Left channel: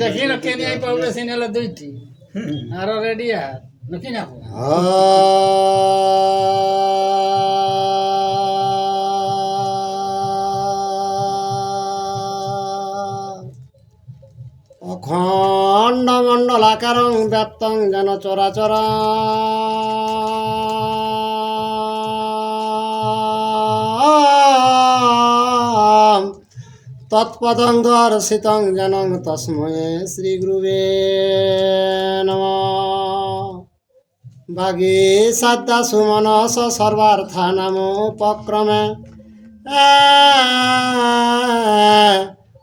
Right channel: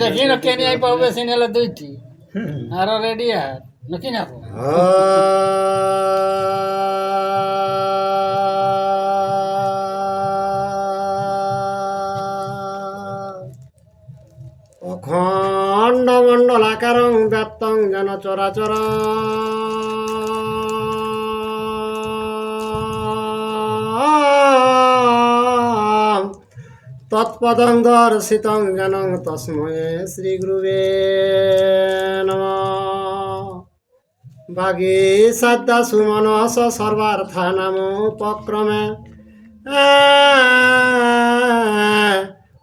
দেখি না কেন আই পাবলে সিনেলে দুইটি আরো রেডি আছে নাকি না অখণ্ড মণ্ডলাকারং ব্যাপ্তং যেন চরাচর তৎপদং দর্শিতং জনং তস্মৈ শ্রী গুরুবে নমঃ। বাগী সাদ্দা সুমনস সর্বার্থানাম উপক্রমে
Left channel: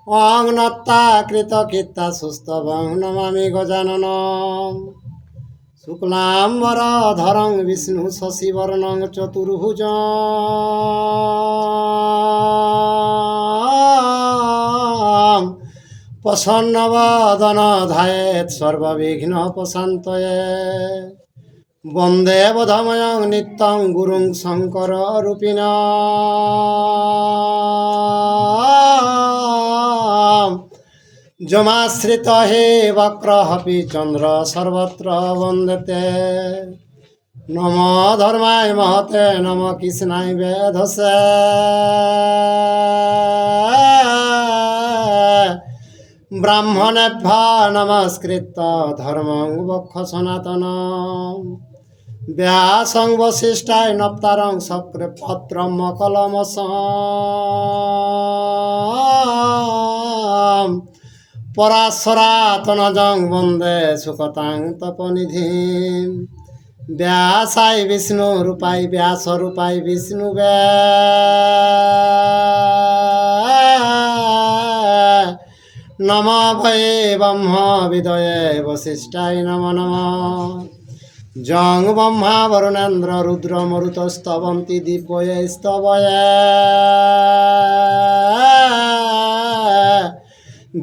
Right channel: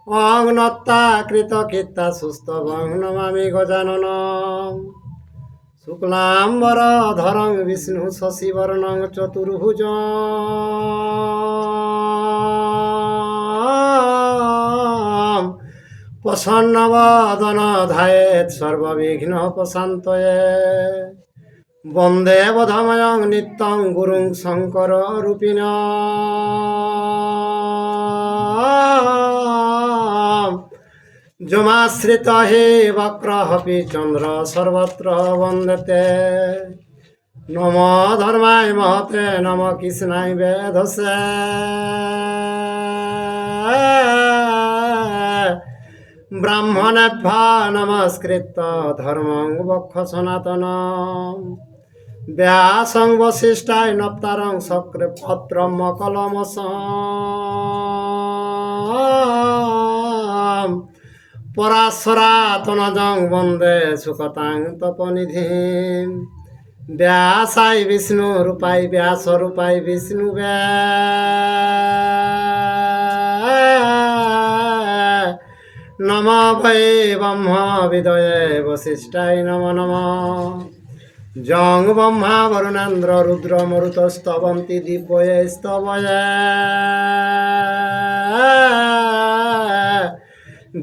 অগ্নত্তা কৃত কীর্তা সুস্তবং নমামি গজাননম। শুক্লাম্বর ধরং বিষ্ণু শশিবর্ণং চতুর্ভুজ প্রসন্নবদন ধায়েৎ সর্ববিঘ্ন প্রশান্তয়ে। বন্দে বোধময়ং নিত্যং গুরুং শঙ্কর রূপিণ যমাশ্রিত হে বক্রহপি চন্দ্র সর্বত্র বন্দতে। নম ধর্মায় মহতে নম কৃষ্ণায় বেধসে। ব্রাহ্মণেভ্য নমস্কৃত ধর্মং বক্ষ সনাতন। ব্যাসং বশিষ্ঠায় নপ্তারং শক্রে পত্রম কলমস। পরাশরাতনজং বন্দে সুকতাং তপনিধিম। ব্যাসায় বিষ্ণু রূপায় ব্যাস রূপায় বিষ্ণু নম ভয়ে ব্রহ্ম বিদয়ে বশিষ্ঠায় নম নম। জং ব্রহ্মা বরুণেন্দ্র রুদ্র মরুতস্তবন্তি দিব্যয়ে স্তবয়ে।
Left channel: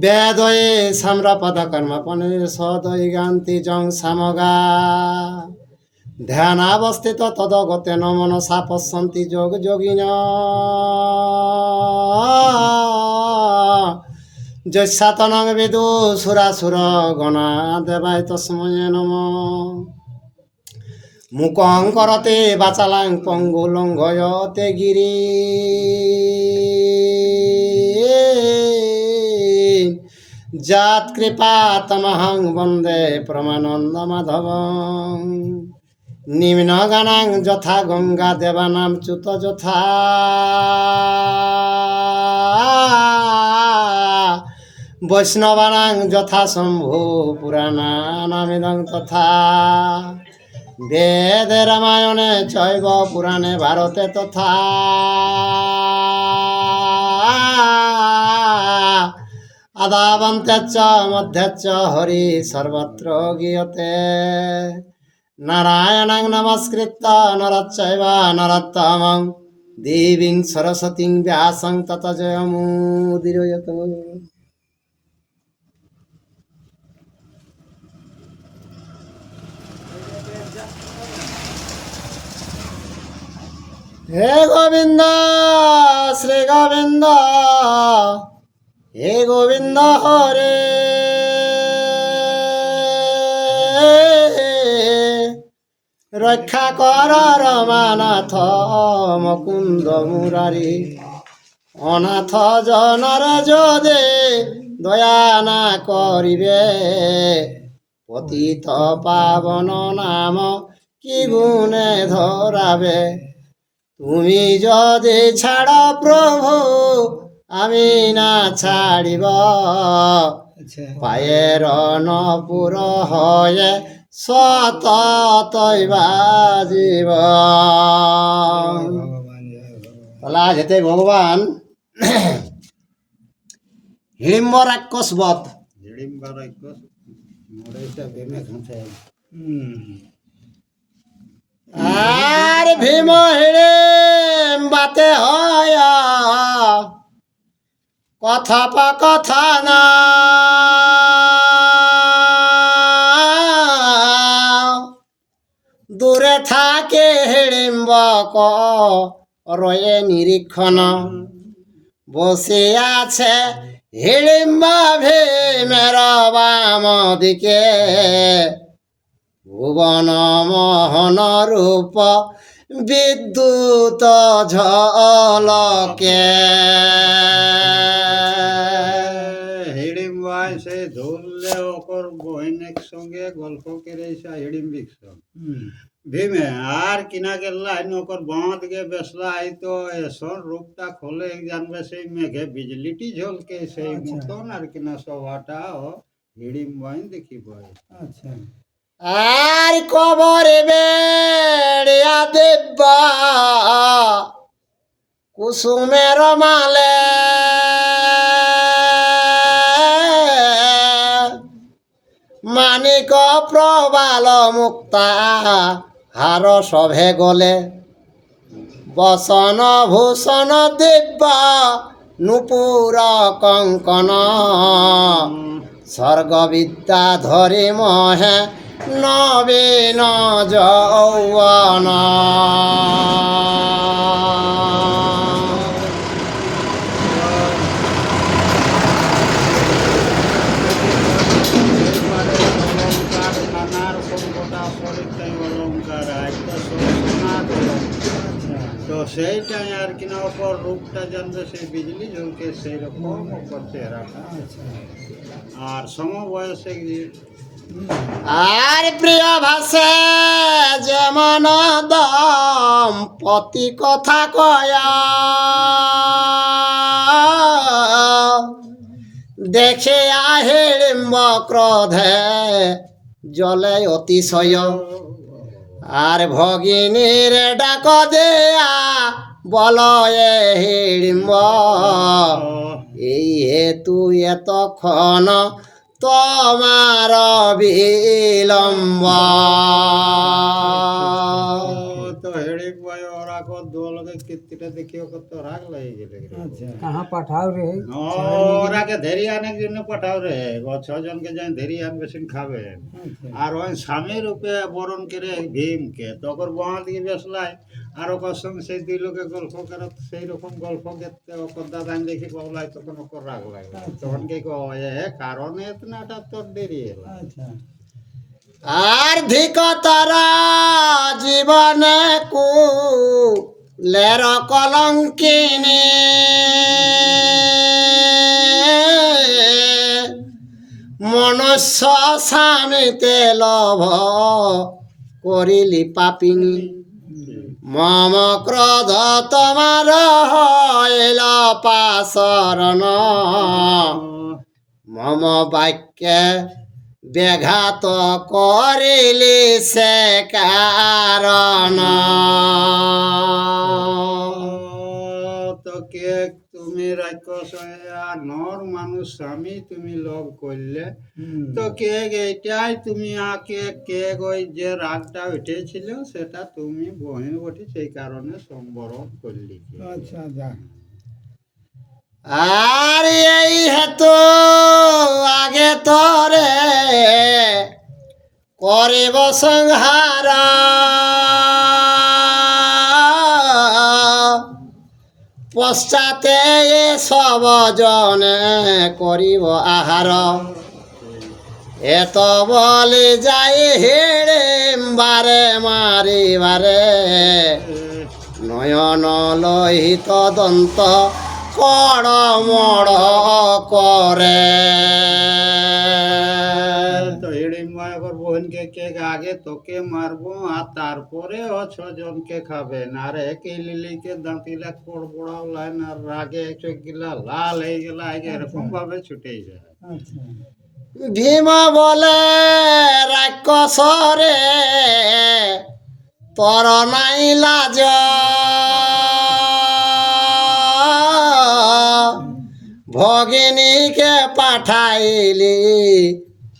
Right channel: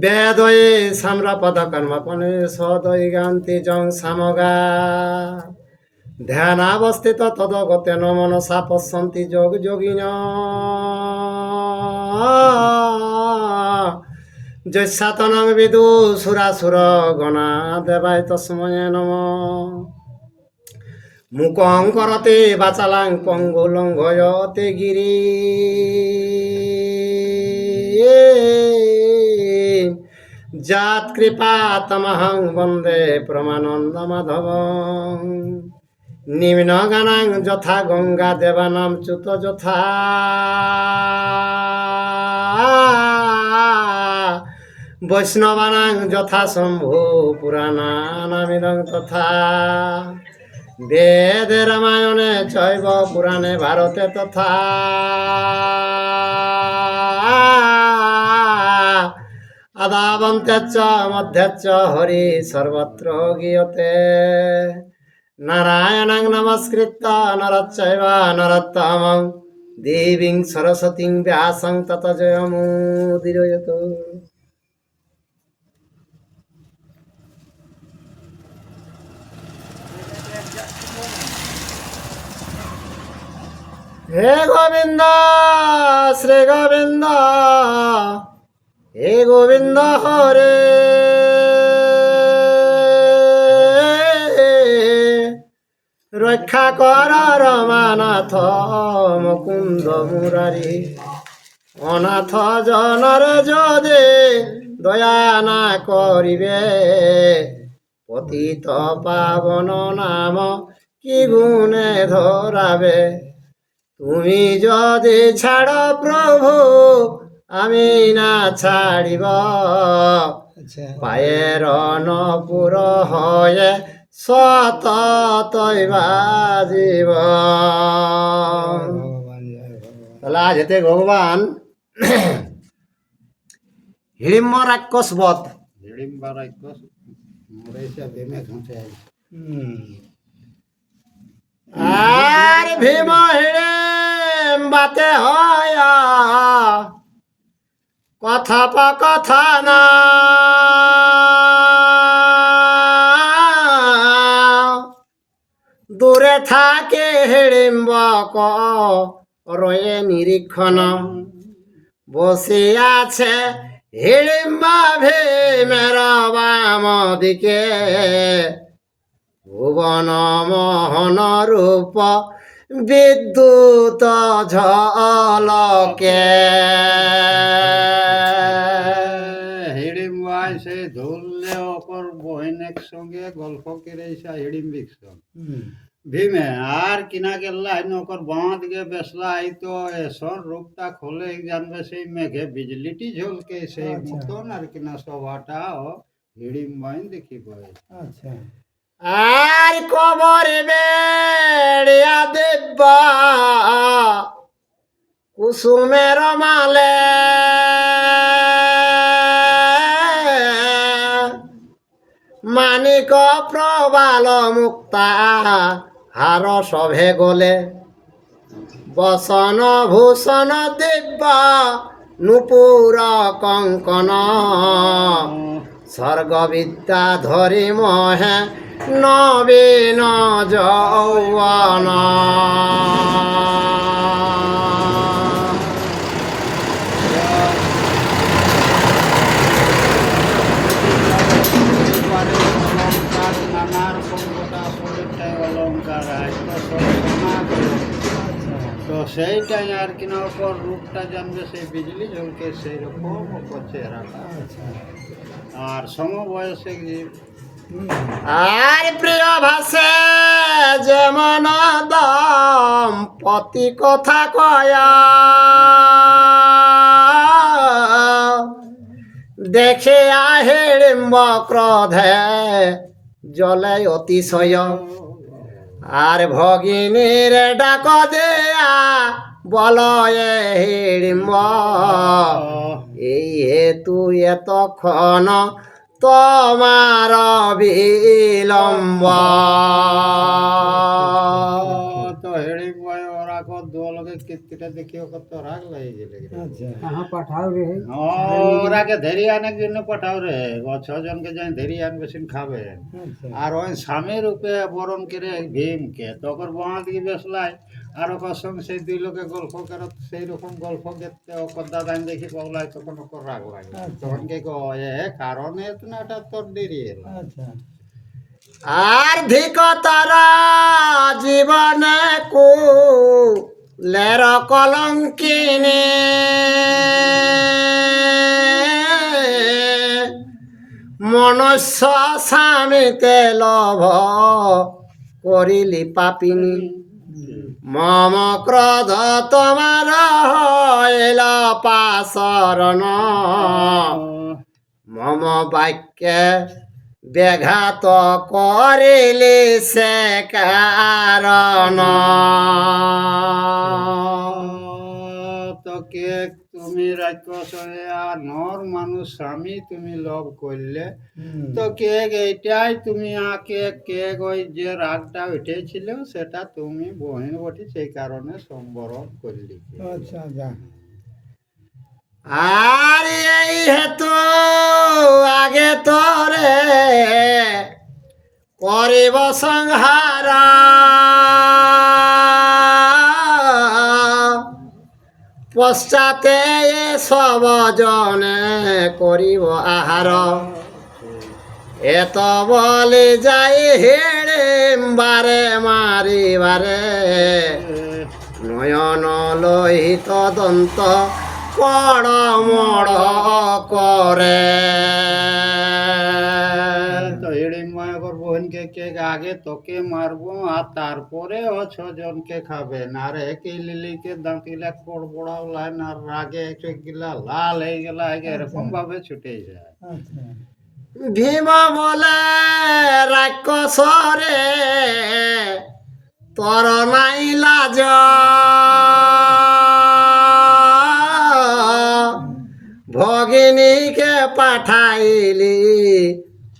বেদয়ে সাম্রাপদ কর্মপনে সদয় গান্তি জং সামগা। ধ্যানাবস্থিত তদগতেন মনসা পশ্যন্তি যোগ যোগিন। যস্যাতনং বিদু সুরাসুর গণা দেবায় তস্মৈ নমঃ। মুকং করতে বাচালাং পঙ্গু লঙ্ঘয়তে গিরি। জাত কৃপা তমহং বন্দে প্রমানন্দ মাধবং। নিম্ন গানাং যথা গঙ্গা দেবানাম চ্যুত যথা। বৈষ্ণবানাং যথা শম্ভু পুরাণানামিদং তথা। বেদে রামায়ণে চৈব পুরাণে ভারতে তথা। আদাবন্তে চ মধ্যে চ হরি সর্বত্র গীয়তে। নারায়ণং নমস্কৃত্য নরচৈব নরোত্তমং দেবীং সরস্বতীং ব্যাসং ততো জয়মুদীরয়তু। হে গোবিন্দ শ্রী গোবিন্দ হে গোবিন্দ হরে। রক্ষা কর রমানাথ মুকুন্দ মুরারি। অনাথ জনর যদি দয়া না করিবে। পতিত পাবন নাম কি গুণে ধরাবে। তুমি যদি ছাড় প্রভু আমি না ছাড়িব। পায়ের নপুর হয়ে সততই বাজিব। তাহলে আজ হেতে ভগবান হিড়িম্ব রাক্ষস বধ। আর ভীম হিড়িম বাতে হয় কথোপকথন। দূরে থাকে হিড়িম্ব রয়ে নিরীক্ষণ। বসে আছে হিড়িম্ব ভীমের বাম দিকে ভুবন মোহন রূপ বিদ্যুৎ ঝলকে। হিড়িম ভাই সে ধরলে অপর বহিনের সঙ্গে গল্প করে হিড়িম বিকশন ভীমে আর কিনা গেল্লা নকর বাঁ দিকে বেসলা এই তো এসন রূপটা খোলে জানবে সেই মেঘে বিজলিটি ঝলকে সেই মতন আর কিনা সভাটা হিড়িম ভাই দেখি পড়ে। আর কবর বেড়িয়া দেবা কুসুমের মালে মানিক প্রবাল মুক্তা হার সভে গলে বসন ভূষণ দিব্য নুপুর কঙ্কন স্বর্গবিদ্যা ধরি মহে নবীন যৌবন। অলঙ্কার নানা রকম গোটা পরীক্ষায় অলঙ্কার তো সেইটাই আর কিনা ওপর রূপটা জানবে সেই বিজলি ঝলকে সেই রকম ওপর চেহারাটা আর সমবয়সে আর প্রিয় ভাষে যেমন দম্পতি কথা কয়া দেখে আহিড়িম্ব ক্রোধে জলে অতিশয় আর ভগিনীর ডাক দেয়া বল হিড়িম্ব এই হেতু এতক্ষণ তোমার বিলম্ব। তো হেড়ে বয় ওরা কো দোলকে কীর্তিটা দেখি ওকে তো রাগ লাগে গেলে ওরাকে ধেরি আনার জন্য পাঠাও রে ও ছজনকে যাই ধেরি আনবে সিন খাবে আর ওই স্বামী রূপে বরণ করে ভীমকে তখন বাঁ দিকে বেসলাই আর ওর সঙ্গে সেই দুই লোকে গল্প করে সেই রকম গল্প করতে ওর দাদা দেখি বলাই তখন ওকে রাগ লাগে তখন কে কারণে এতনাটা তোর দেরি এলো। আর ধিক তারা জীবনে কুলের কলঙ্কিনী মনুষ্য স্বামীতে লভ করিলি পাপিনী মম ক্রোধ তোমার হইল পাশরণ মম বাক্যে ব্যাঘাত করিলি সে কারণ। তো কে তুমি রাক্ষস আর নর মানুষ স্বামী তুমি লভ করলে তো কে এইটাই তুমি আকে কে ওই যে রাগটা উঠেছিল সেটা তুমি বহিন বটি সেই কারণে সম্বরণ করলি। আর এই হেতু আগে তরে করিব সংহার পশ্চাতে সব জনে করিব আহার এত বলি যাই হেড়ে বারে মারিবারে নয়ন লোহিত দন্ত কড় মড় করে। তো হিড়িম্বর বোনকে কে আগে তোকে মারবো আর তারপরে ও ছজনকে খাবেন আর একে লিলিকে দাঁতিলে কড়বড়াও লাইন আর রাগে চোখ গিলা লাল হয়ে গেল আগে এরকম ভাবে ছুটে যায়। ভীম বলে রাক্ষসরে তর নাই লাজ ভগিনীকে পাঠাইলি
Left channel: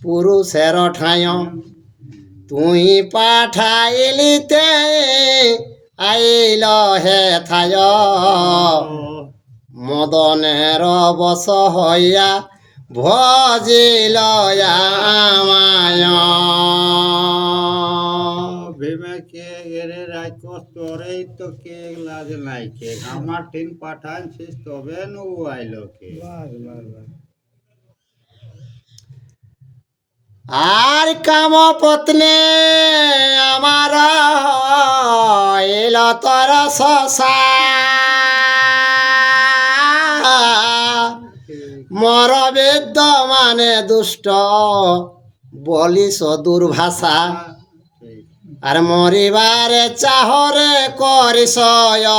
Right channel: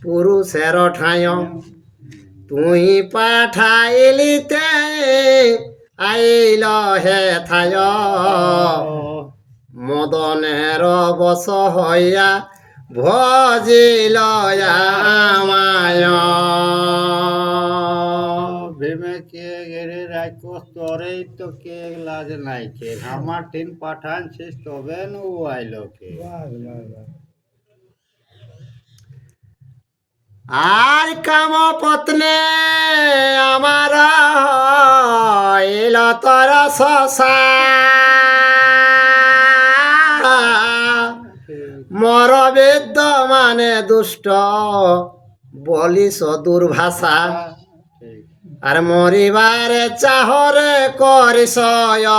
পুরুষের ঠায় তুই পাঠাইলিতে আইল হে থায় মদনের বশ হইয়া ভজিল আমায়। ভীমে কে গেরে রাক্ষস তোরেই তো কে লাজ নাই কে আমার টিন পাঠানছিস তবে নু আইলো কে। আর কাম পত্নে আমার এল তর শশা মর বেদ্য মানে দুষ্ট বলিস দুর্ভাষা ঠিক। আর মরিবারে চাহরে করিস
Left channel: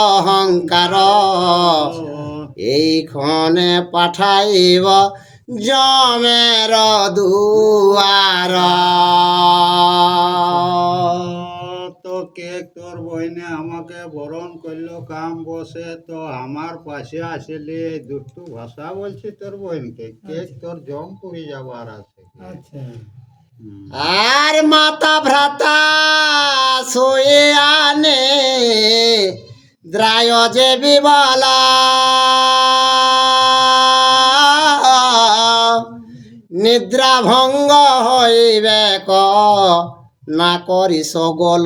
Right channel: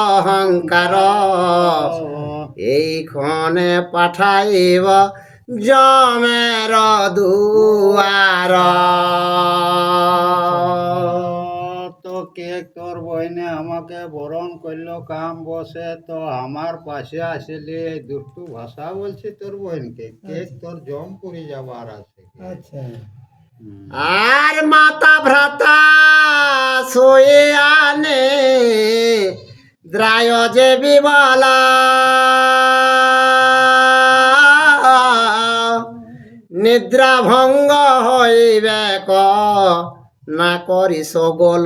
অহংকার এইক্ষণে পাঠাইব জমের দুয়ার তো কে তোর বইনে আমাকে বরণ করলো কাম বসে, তো আমার পাশে আসলে এই দুষ্টু ভাষা বলছি তোর বইনকে, কে তোর জম পুরি যাবার আছে। আচ্ছা আর মাতা ভ্রাতা শোয়ে আনে দ্রায় যে বিবালা নিদ্রা ভঙ্গ হইবে ক না করিস গোল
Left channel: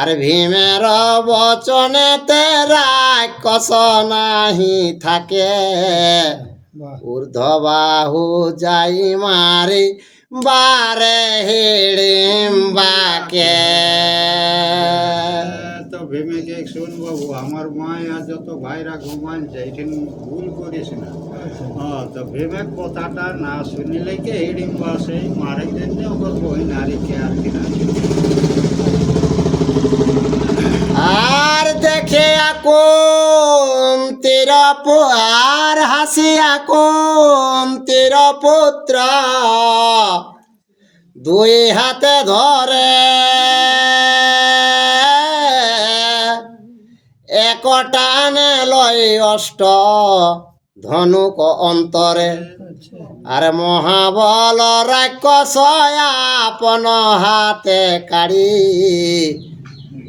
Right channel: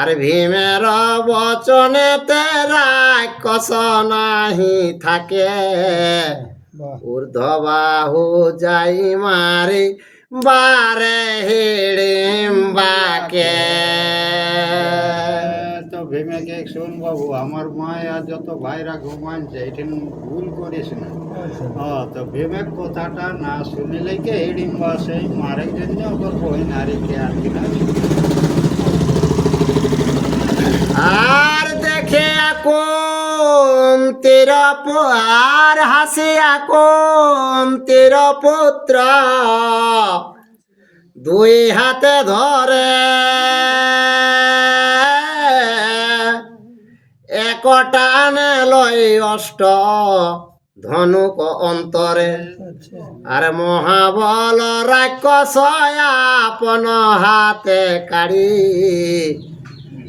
আর ভীমের বচনেতে রাক্ষস নাহি থাকে বাহ ঊর্ধ্ববাহু যাই মারি বারে হিড়িম বাকে তো ভীমেকে শুন বাবু, আমার মা আর যত ভাইরা ঘুমানছে এখানে ভুল করিস না। হ্যাঁ, তো ভীমের কথাটা না শুনিলে কে হিড়িম্বা সেই মারে জন্য ওর বই নারীকে আর কিনা। আর দেখে আকুম তীর আর হাসি আকুম তীর পুত্র দুই হাতে ধরে একটানে লয় অষ্ট ধনুক অন্তরে আচ্ছা আর মহাবল রাক্ষস আপন হাতে কাড়ি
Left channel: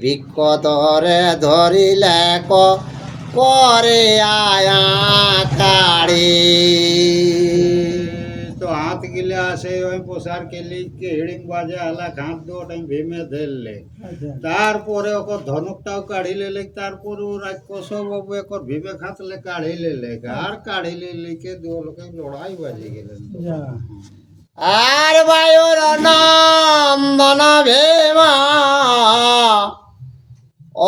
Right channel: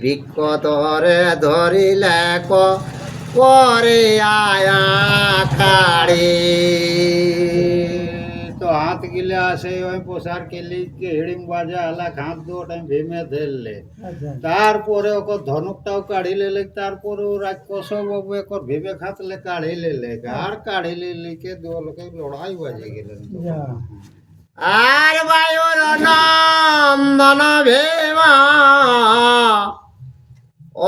বিকটরে ধরিলে করে আয়া কাড়ি তো হাত গিলে আসে ওই পোশার কেলি হিড়িম বাজে আলা হাত দুটাই ভীমে ধরলে, আচ্ছা তারপরে ওকে ধনুকটাও কাঢ়ি লেলে, তারপরে ও রাক্ষস বাবু একর ভীমে খাতলে কাঢ়ি লেলে, আর কাঢ়ি লেলে কে দু লোকে লড়াই বাজে গেলেন। তো যা আর বায়ুর নন্দন ভীমা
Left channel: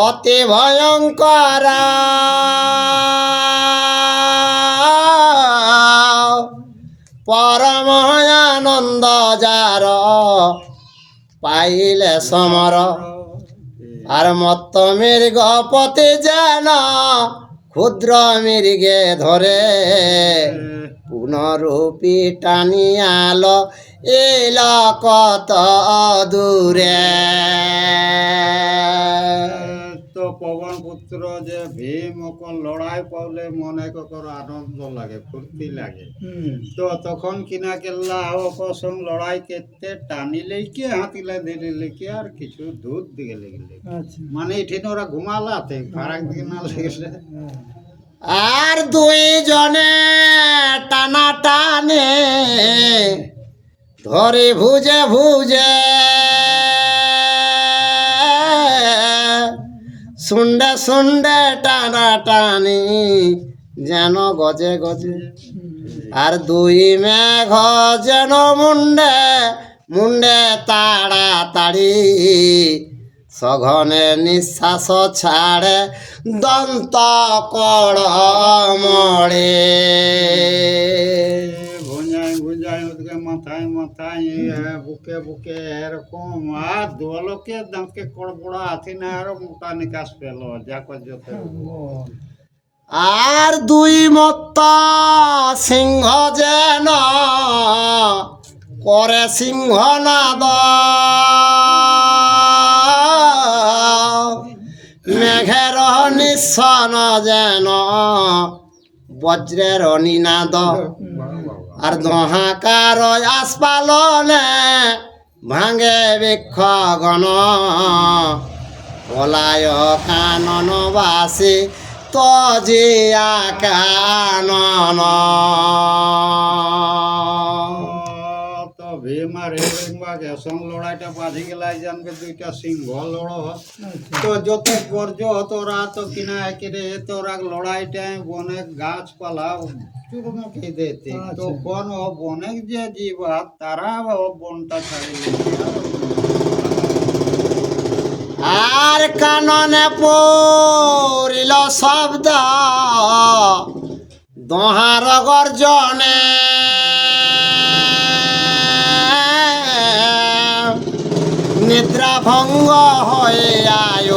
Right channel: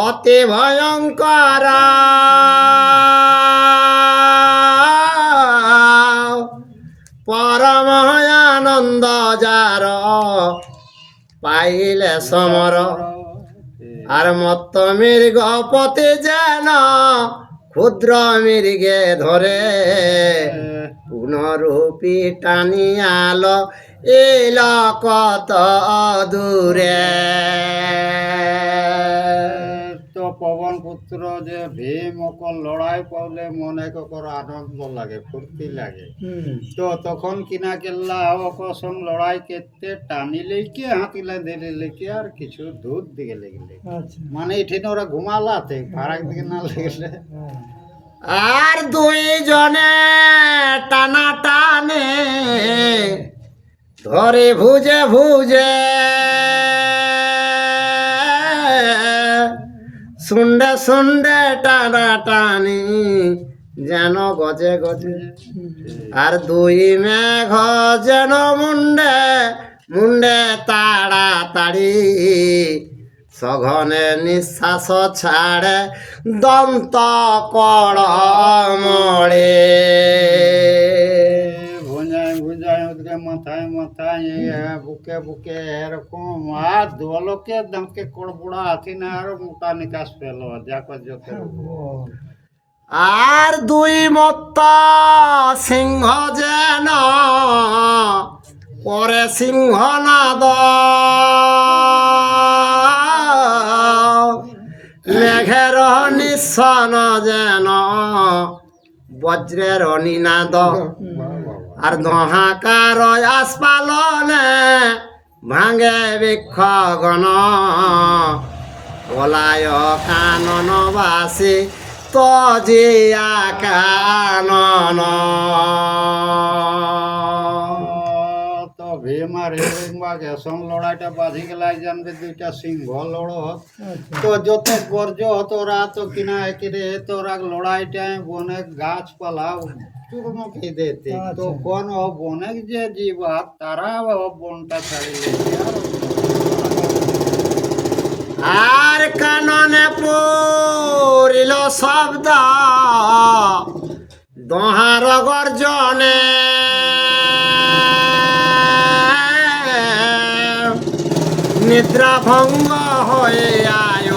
অতি ভয়ঙ্কর পরম আনন্দ যার পাইলে সমর আর মত্ত মৃগপতি যেন ক্ষুদ্র মৃগে ধরে পুনরূপী টানিয়াল এল কত দূরে তো পবন পুত্র যে ভীম ওকর লড়াই পাওলে মনে কর আনন্দ লাগে, ফুর্তি লাগে। তো তখন কিনা কেল্লা ওকর সঙ্গ লড়াই করতে টানিলে কি হাতিলা দিলে কি আর কিছু দূর দিকে লেগেলে, আচ্ছা মানে এখানে ওরা ঘুমালাতে ফারাক দিকে না লেগেলে। হ্যাঁ আর দুইজনে টানা টানে ধরে ভুজে ভুজে শুন্ডে শুন্ডে টানা টানি যেন গজে গজে আর দুই মেঘ যেন মুন্ডে মুন্ডে তাড়াতাড়ি সঘনে নিঃশ্বাস ছাড়ে দন্ত কড় মরে ভুঁজায় ভুঁজায় ওদিকে মাথায় মাথায় বুকে বুকে এরকম, আর দোলকে দামকে কড়বড়া হাতি না আরো মোটা নিকাশ পেল যা করতে। আর দুই মত্ত সিংহ যেন করে সিংহনাদ মেঘের নিঃসন যেন বজ্রের নিনাদ আর দহাকার আসপালনে ভাঙে বৃক্ষ গণ পলায় কাননবাসী তজিয়া কানন তো ভীম আর হিড়িম্বা ঘেসন লড়াইটা বাঁধি গেলাই জানবে দুইটা সিংহ লড়। তো যত গর্জ তোরা তো কিনা একেরে তোরা লড়াইটায় অনেক গাছপালা চূর্ণকে দিতে আচ্ছা। তখন বনের যে জীবাত তারা বনটা ছাড়িয়ে আর কাননে পড়িল শব্দ দোহার গর্জনে নিদ্রা ভঙ্গ হয়ে আয়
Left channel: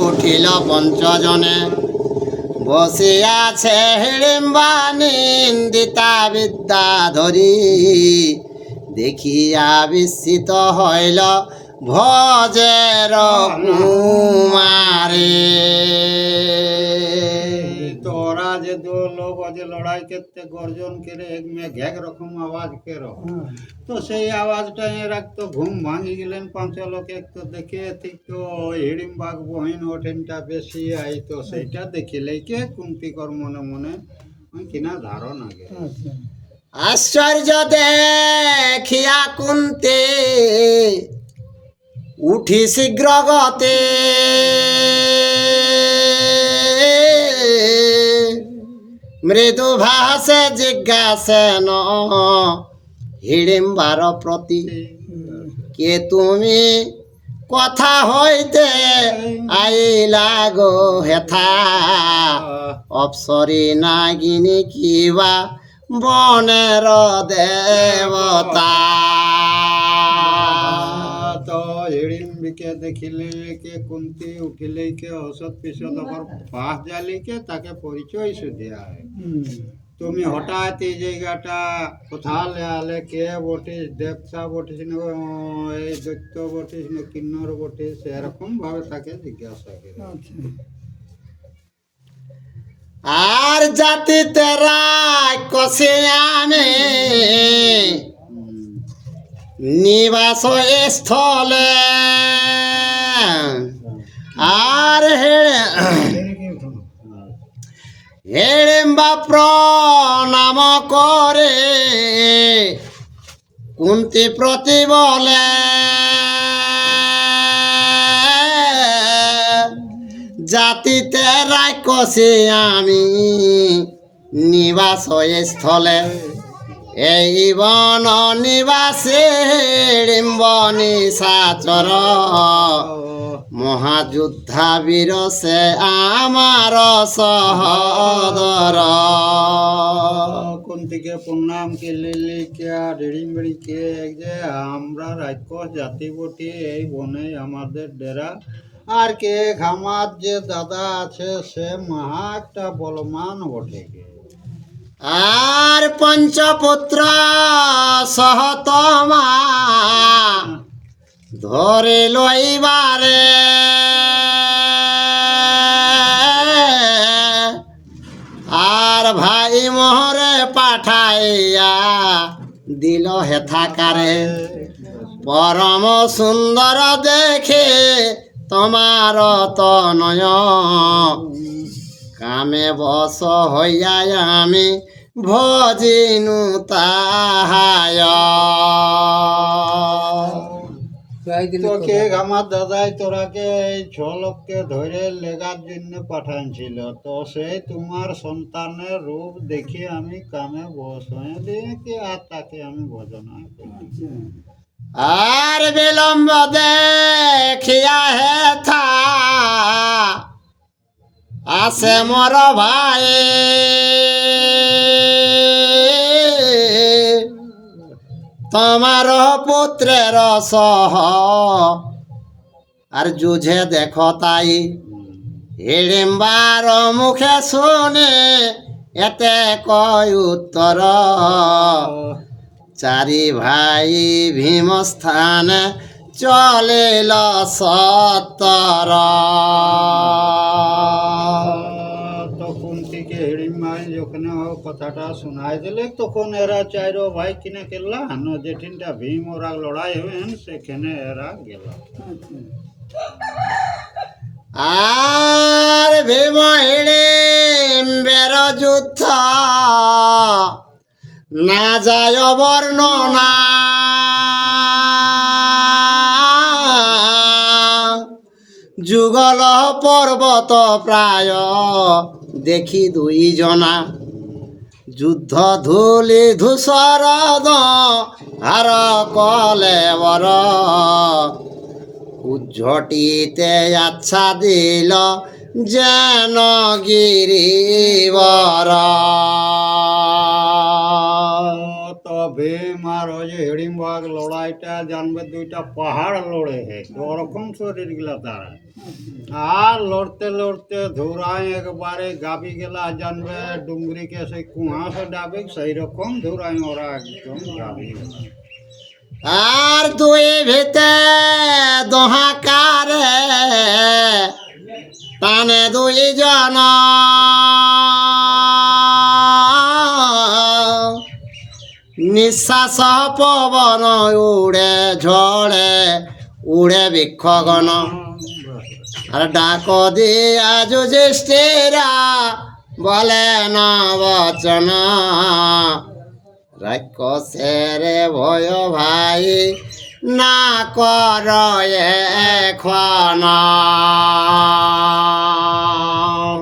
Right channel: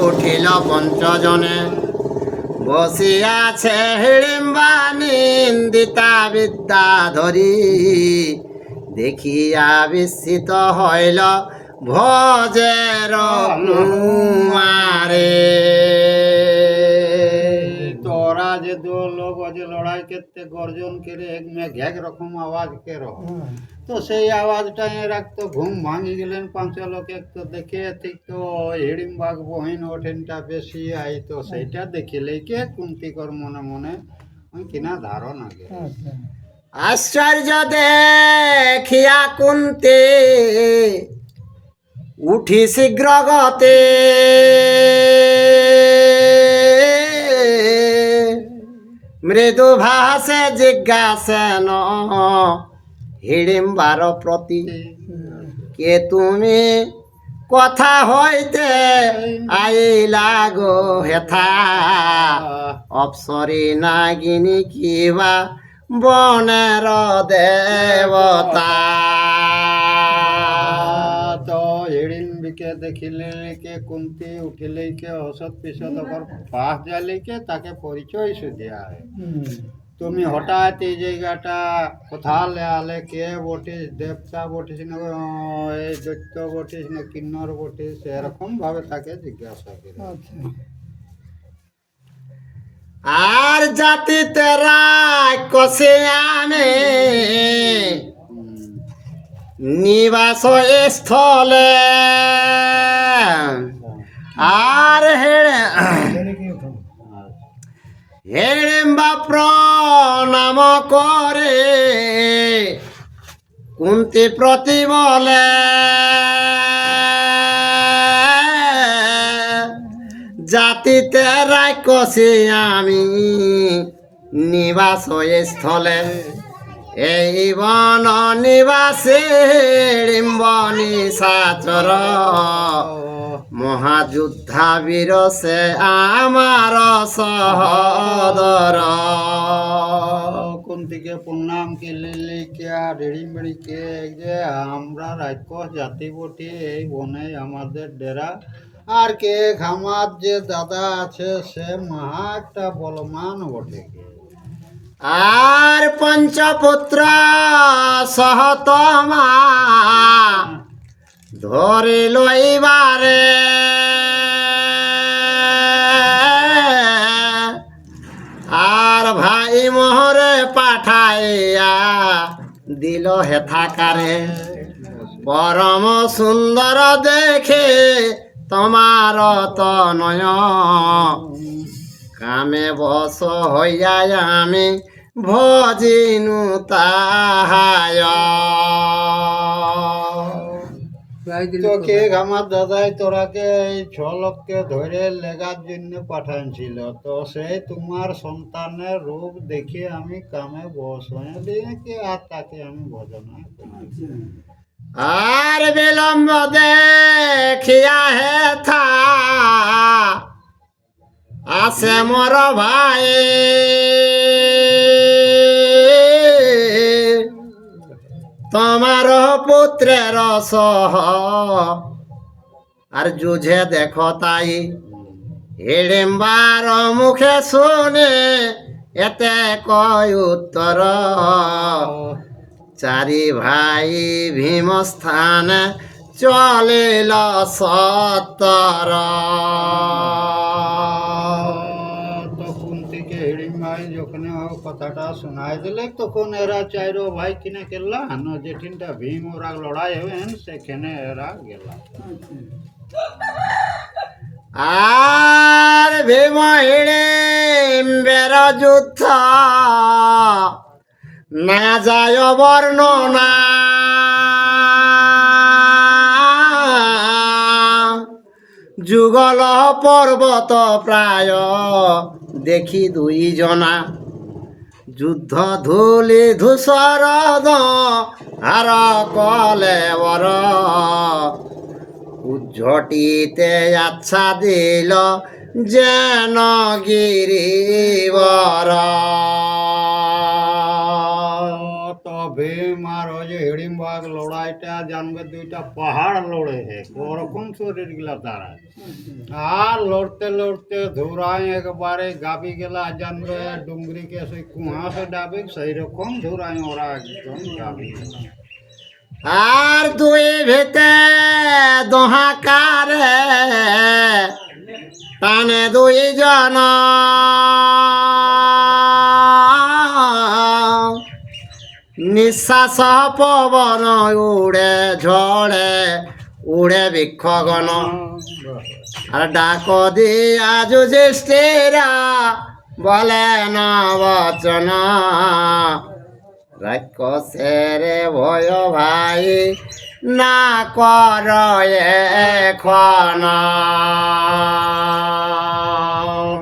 উঠিল পঞ্চজনে বসিয়াছে হিড়িম্বা নিন্দিতা বিদ্যা ধরি দেখিয়া বিস্মিত হইল ভজের কুমারে তোরা যে দো লোক যে লড়াই করতে গর্জন করে এক রকম আওয়াজ কেরো তো সেই আওয়াজটা এরা তো ঘুম ভাঙি গেলেন পাঁচ লোকে তো দেখে ঠিক তো হিড়িম্বাগ বহিন ওঠেনটা বেশি আই তো সেইটা দেখিলেই কে কুন্তিকর মনে মনে কিনা ধারণা করে আশ্চর্য দেখিয়া কুন্তি উঠি শীঘ্র গতে মৃদু ভাষে জিজ্ঞাসেন হিড়িম্বার প্রতি কে তুমি কথা হইতে আইলা গো হেথা অপসরি নাগিনী কিবা বনের দেবতা তো হিড়িম্বিকে দেখিলে কে কুন্তি উঠিলে কে অসৎ পিছত ওপর পাশ জালিকে তাকে পরিচয় সুদিয়া হয় তুমি হঠাৎ এই জায়গাটা কোথালে আলে কে বটিস দেবতা বটিস না এই দৈত্য বটিস না কিন্নর বটিস এরকম ভাবে তাকে জিজ্ঞাসা করে আর জাতিতে কষে আনে নিবাস স্থলে আর হেড়েম্বা প্রণাম করে কুন্তি প্রতি বলে জাতিতে রাক্ষসী আমি নিবাস স্থলে এই বন নিবাসে ডিম্বনি সাচর মহাযুদ্ধা বীর সে আমার সহদর কুন্তিকে প্রণাম কে লিলি কে আর হিড়িম্বি কে যে আমরা রাক্ষস জাতি বটি এই বনে আমাদের ডেরা আর কে আমার যে দাদা আছে সে মহা একটা বলমান বটে কে আর পঞ্চপুত্র সহতমা ধরে লইবারে আর ভাই মোহরে পাঠাইয়া দিল হেথাকারে পরম সুন্দর দেখে তোমার তনয় কামে বস হইয়া আমি ভজিনু তাহায় তো কে আমার দাদাই তোরাকে এই ছ লোককে ধরে লেগার জন্য পাঠানছিল তো সে তোমার সন্তানের রূপ দেখে আমি কামে বস হয়ে দেখে আর তাকে আমি ভজনা করি আর বিলম্ব দেখিয়া হেথা আসে মোর ভাই তোমার পুত্রের সহ আর যুঝে দেখো তাই হিড়িম্বার মুখে শুনে এতে কয় উত্তর চারি ভাই ভীমস্থান চলিল সত্তর তখন থেকে হিড়িম্বাই যখন কথাটা শোনাই দিলে তখন এরা চাইরো ভাই কিনে গেলা যেটিনটা ভীম ওরা লড়াই হবেন সেখানে এরা গেলা আর ভীম হিড়িম্বের যুদ্ধ না যায় বর্ণনা যুগল পর্বত প্রায় দেখি দুই জনা যুদ্ধ ধূলি ধূসর আর কলে বর উজ্ঝটিতে আচ্ছা দিল যেন গিরিবর। তো ভীম আর ওই যে হিড়িম্বাগ লড়াইটা জানবে দুইটা পাহাড় লড়ে হে ওরকম শরীর গুলা তারা। আর লড়তে লড়তে ধুরাই একবারে গাবি গেলা জানবে ডুঙ্গরিকে সেই কুয়াশা ডাবে সেই রকম ধুরাই ওরা একদম গাবি গেলা। আর দুই ভিতে দোহাকারে টানে দুই জন নিঃশ্বাস পবন উড়ে ঝড়ে উড়ে বৃক্ষগণ। আর ডাক দিয়া যুধিষ্ঠিরা বলে না বচন রাক্ষসের ভয় ভাই না কর এখন।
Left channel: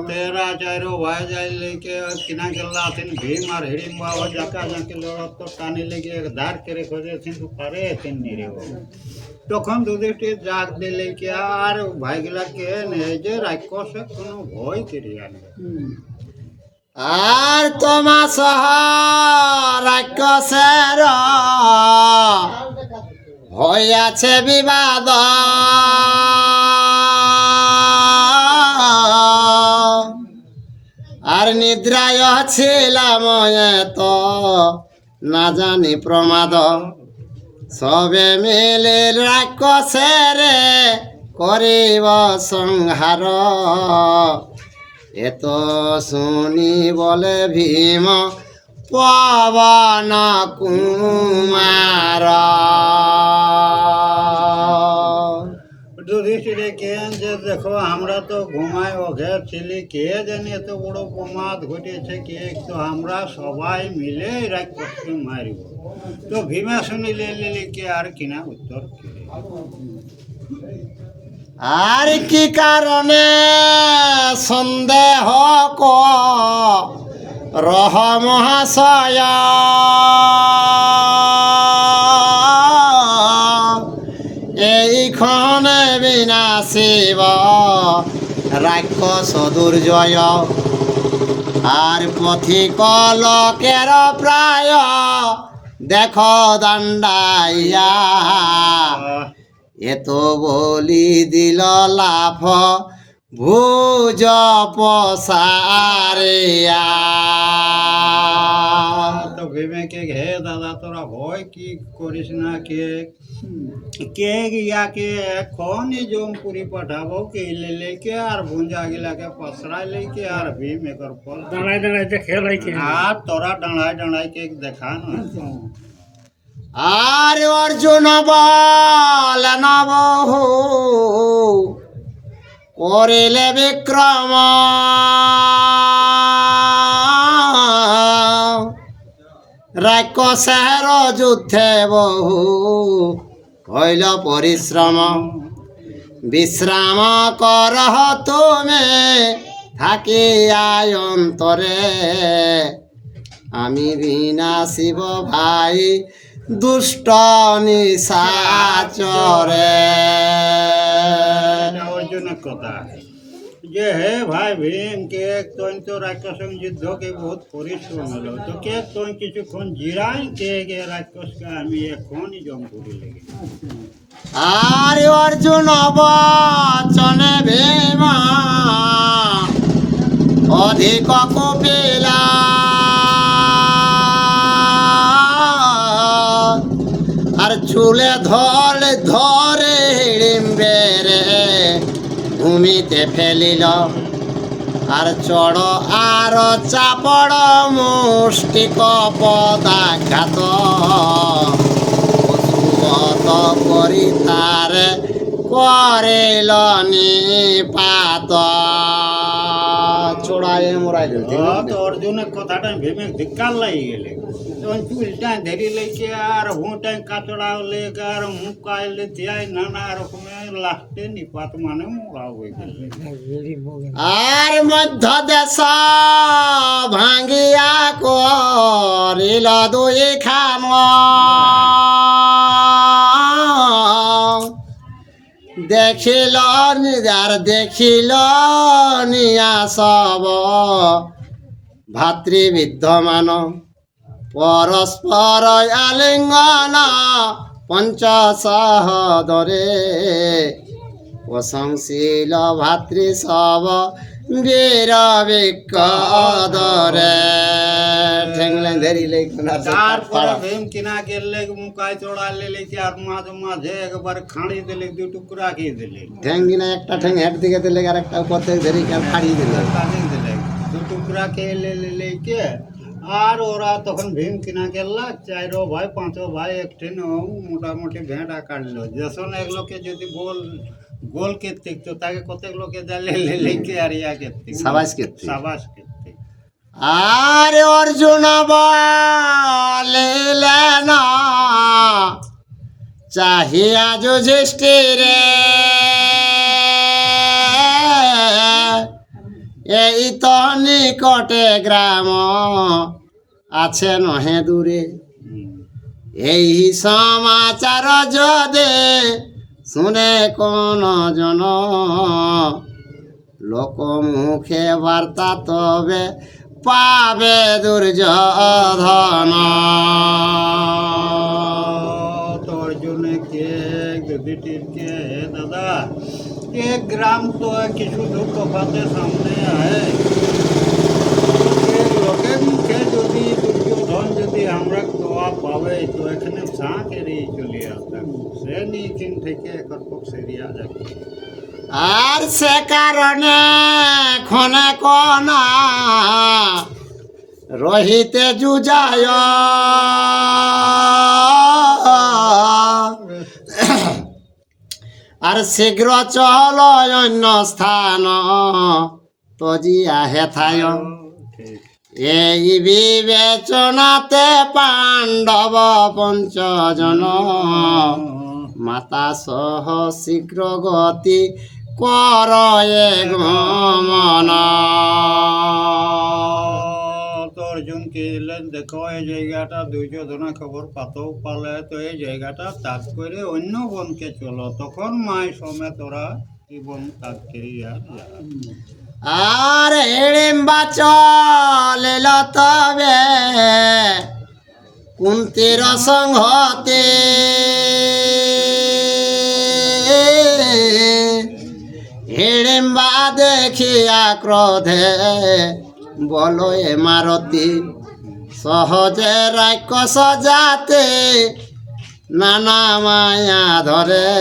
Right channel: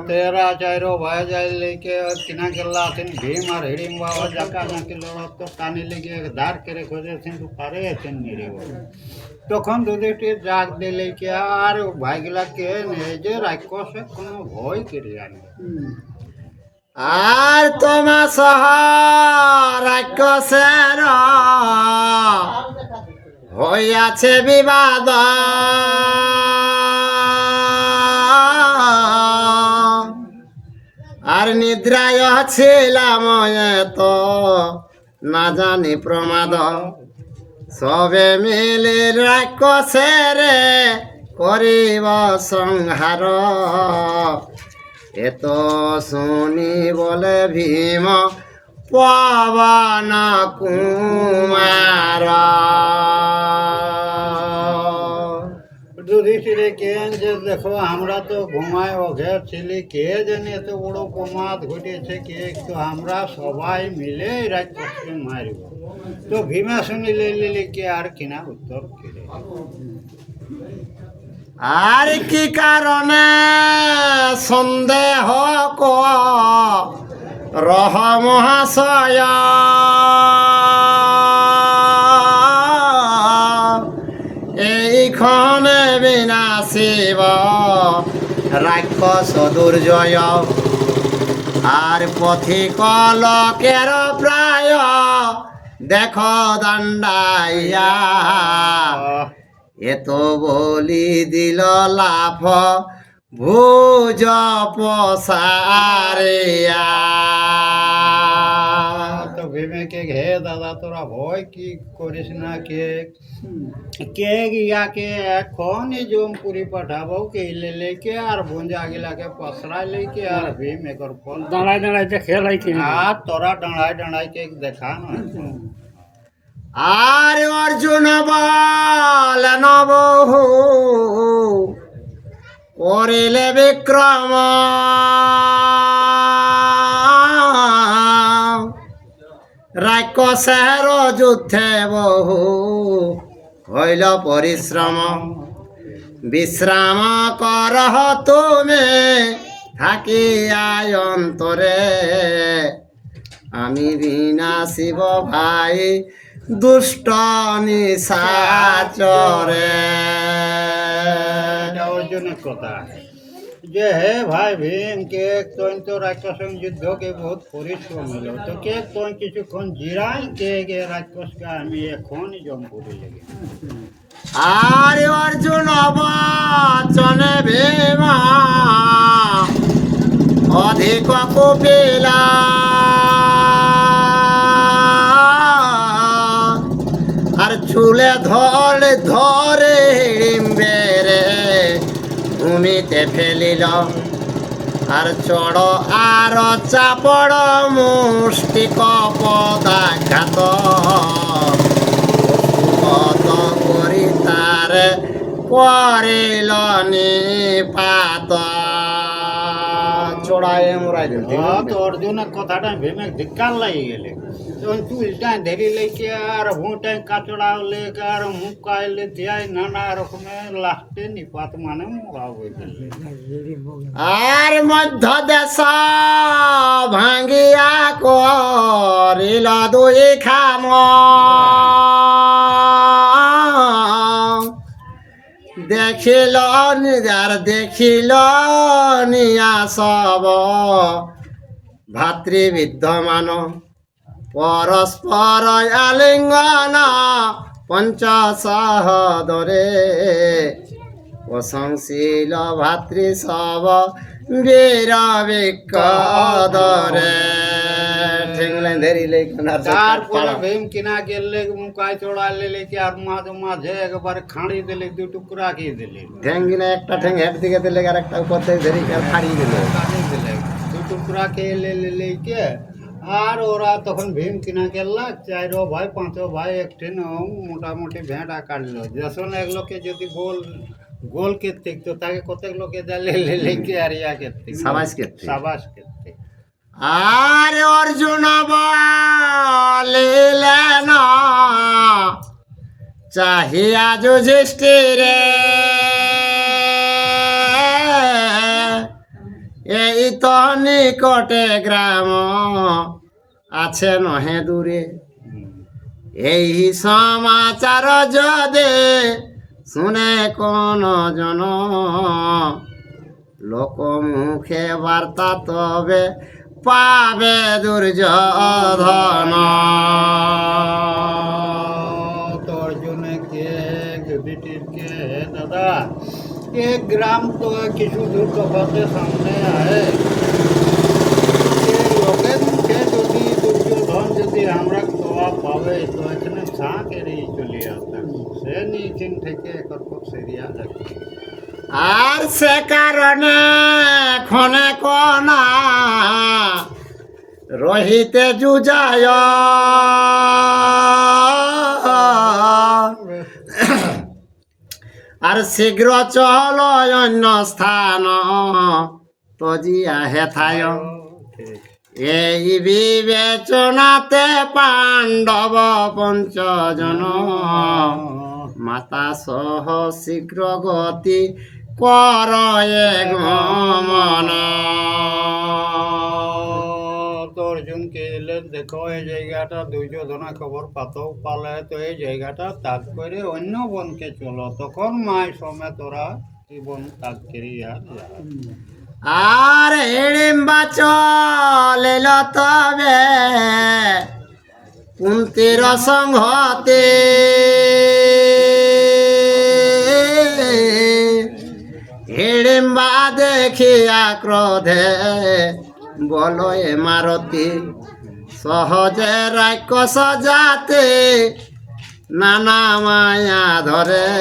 तेरा चारो भाई जाए लेके और किना गल्ला थिन भीम और हिड़िंबा और जाका जाके लड़त तो टानी लेके एक धार करे खोजे थिन तो पारे थिन निरे वो তখন যুধিষ্ঠির জাগ দিলে কি আর ভাই গিলাকে নিয়ে যে রাক্ষসে কোনো ভয় কেড়ে আনে। আর তোমা সহ রাক্ষসের হইয়াছে বিবাদ আর নিদ্রায় ছিলাম তো না জানি প্রমাদ সবে মিলে রাক্ষসের করিব সংহার। এত শুনি বলে ভীম পবন কুমার। যুধিষ্ঠিরে কেন যে দেখো আমরা তো ঘুমায় অঘের ছিলি কে জানি এত বড় প্রমাদ ঘটেছে কে তো আমরা সবাই মিলে রাক্ষসকে মারিব। তো ভীমা শুনিলে লিলি কে আর কিনা উত্তর দিলে। আর কি কারণে সন্দেহ রহ মহাশয় এইক্ষণে বিনাশিব রাক্ষস দুর্জয়। আর পথিক লোকের প্রায় দেখ দাণ্ডাইয়া এত বলি দিল লাভ ভুজ পসারিয়া। তো ভীমেকে ঘে দাদা তোরা ভয় কি করিস না কে কে গিয়াকে এখনই জমপুরি পাঠাবো কে লেকে আর ভুঞ্জা গিলাকে পসরাই লেকে আর ভীম একর ফল দাঁড়ায় দাঁড়ায় যে খেলাই কিনা আর তোরা ডাঁড়াই ডাঁড়াই কে দেখা না। আর অর্জুন বল নবহু করিলে বিক্রম রাক্ষসের যুদ্ধে বহু হইল পরিশ্রম। বিশ্রাম করহ তুমি থাকিয়া অন্তরে আমি বিনাশিব ভাই দুষ্ট নিশাচরে। অর্জুনের কথা যে হে ভাই ভীম কে তো রাক্ষস যুদ্ধ কে বহুত পরিশ্রম হলো তো কে তো কিছুক্ষণ জিরাই কে রাক্ষসকে আমি এখনই জমপুরি লেগে। আর অর্জুন বচনে ভীমা অধিক কুপিলা আর চুলে ধরে ধরে হিড়িম্বেরে ভূমিতে ফেলিল। আর চড় আর চাপড় মুষ্টিক পদাঘাত করি তার করিল নিপাত। চড়ায় মোরা চড়াই দিল তো অর্জুনের কথাটা ভেবে ধিক্কার লাগি গেলে তখন চুলটা ধরি লেগে আর হুঁটাই কাচড়া লেগে আর মুখ কাইলে দিয়াই নানা রকমের লাস্টে নিপাত মানে মোড়া হয়ে গেলে আর মধ্য দেশ ভাঙ্গিয়া করিল দুই খাম দেখিল নিজার দেখিল নিয়া সব ভাতৃবিদ্যমান পরস্পর আলিঙ্গন পঞ্চসহদরে প্রশংসিল ভাতৃ সব বীর বিকদরে ঠেংলে ধরিলে তারপরে ভীম কিনা গেলে মুখায় চড়ালে লেগে আর মাঝে মাঝে একবার খাঁড়ি দিলে দু টুকরা খেয়ে দিলে ঠ্যাং কিনা একটা ঠ্যাং হেড দিকে দিলে আর একটা উপর থেকে ধরি ফাড়িয়ে দিলে কাটিয়ে দিলে দু টুকরা খেয়ে লেগে আর ওরা তখন ভীম কিনা গেলা চারো ভাই পাঁচো ভাই একদিন মোটামুটি ভেঁটা কাটলো যেসন এক লোকে যদি গোল কেতে তো তাকে কত লোকে দিলে লেগে আর ইয়া কেতে সাবাস কেতে সাবাস কেতে আর অর্জুন বলিলেন চাহিয়া যুধিষ্ঠিরে এই তো নিকটে গ্রাম আছে নহে দূরে এই সমাচার যদি শুনে কোন জন লোক মুখে বার্তা তবে পাবে দুর্যোধন तो अर्जुन के युधिष्ठिर के दादा एक ग्राम तो किछु दूर कपाते सामने आए लोके मुखे যদি দুর্যোধন যদি আমরা তোয়া পাবে তো এখানে সাঁকেরই চলে আসতাম সে নিচেন থেকে একর পর সেরিয়া যাবে আর সে কারণে ক্ষণে কনা রহিতে যুজায় আর শীঘ্র চল অন্য স্থান তজিয়া হেথায় এই বিবেচনাতে পাণ্ডব পঞ্চজন মাতা সহ শীঘ্র গতি কর গমন তো অর্জুন কে এলেন দেখো এই জায়গাটা দুর্যোধনা খবর পাতেও পালে তো এই জায়গাটা তাজ করে অন্য বনকে চলো তখন মায় সমেত ওরা এই বন তাজ করে আর হিড়িম্বা চলিল তবে কুন্তির সংহতে হিড়িম্বা দেখিয়া ক্রোধে বলো এ মারতি সহজে রাক্ষস যাতে নানা মায়া ধরে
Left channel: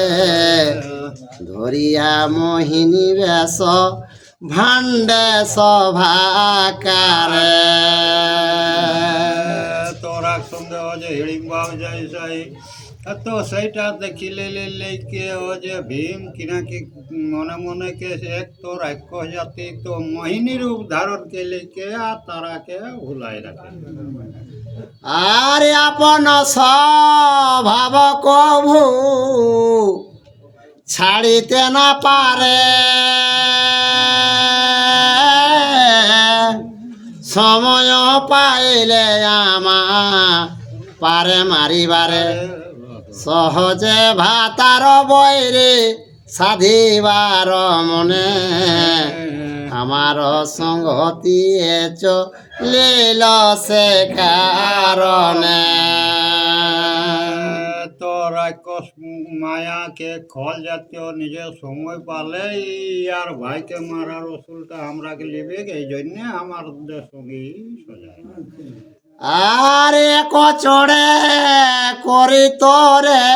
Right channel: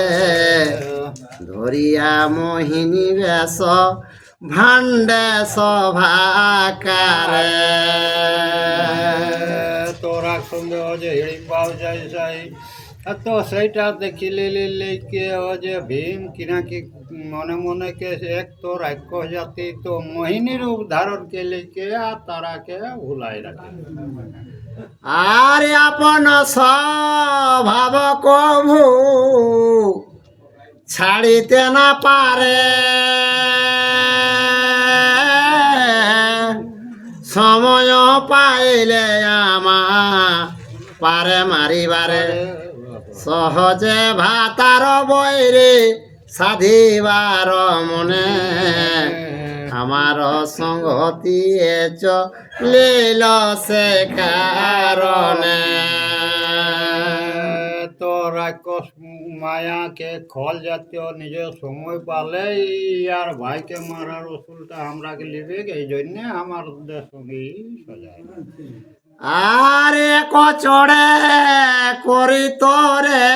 ধরিয়া মোহিনী বেশ ভাণ্ডে সভাকারে তোরা সঙ্গে ও যে হিড়িম্বাও যাই যাই তো সেইটা দেখিলে লেকে ও যে ভীম কিনাকি মনে মনে কে এক তো রাক্ষস জাতি তো মোহিনী রূপ ধারণ কে লেকে আর তারাকে ভুলাই রাখে আর আপন স্বভাব কভু ছাড়িতে না পারে সময় পাইলে আমা পারে মারিবারে সহজে ভাতার বৈরে সাধিবার মনে আমার সংগতি চলিল সে কারণে তো রাক্ষস মায়াকে খল জাতীয় নিজের সময় পালে আর ভাইকে মারার ওসুলটা আমরাকে লিবে এই জন্যে আমার সঙ্গে আর এক চড়ে করি তোরে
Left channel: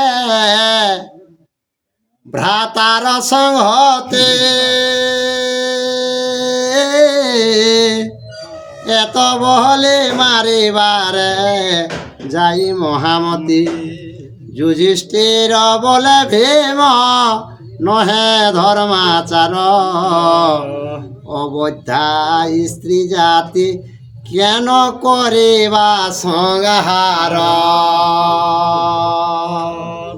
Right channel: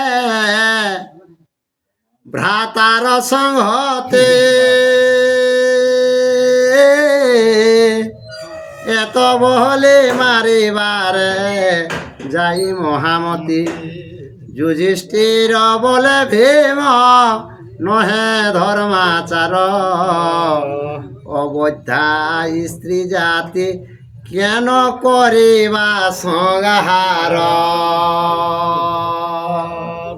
ভ্রাতার সংহতে এত বহলে মারিবারে যাই মহামতি যুধিষ্ঠির বলে ভীম নহে ধর্মাচার অবধ্যা স্ত্রী জাতি কেন করিবা সংহার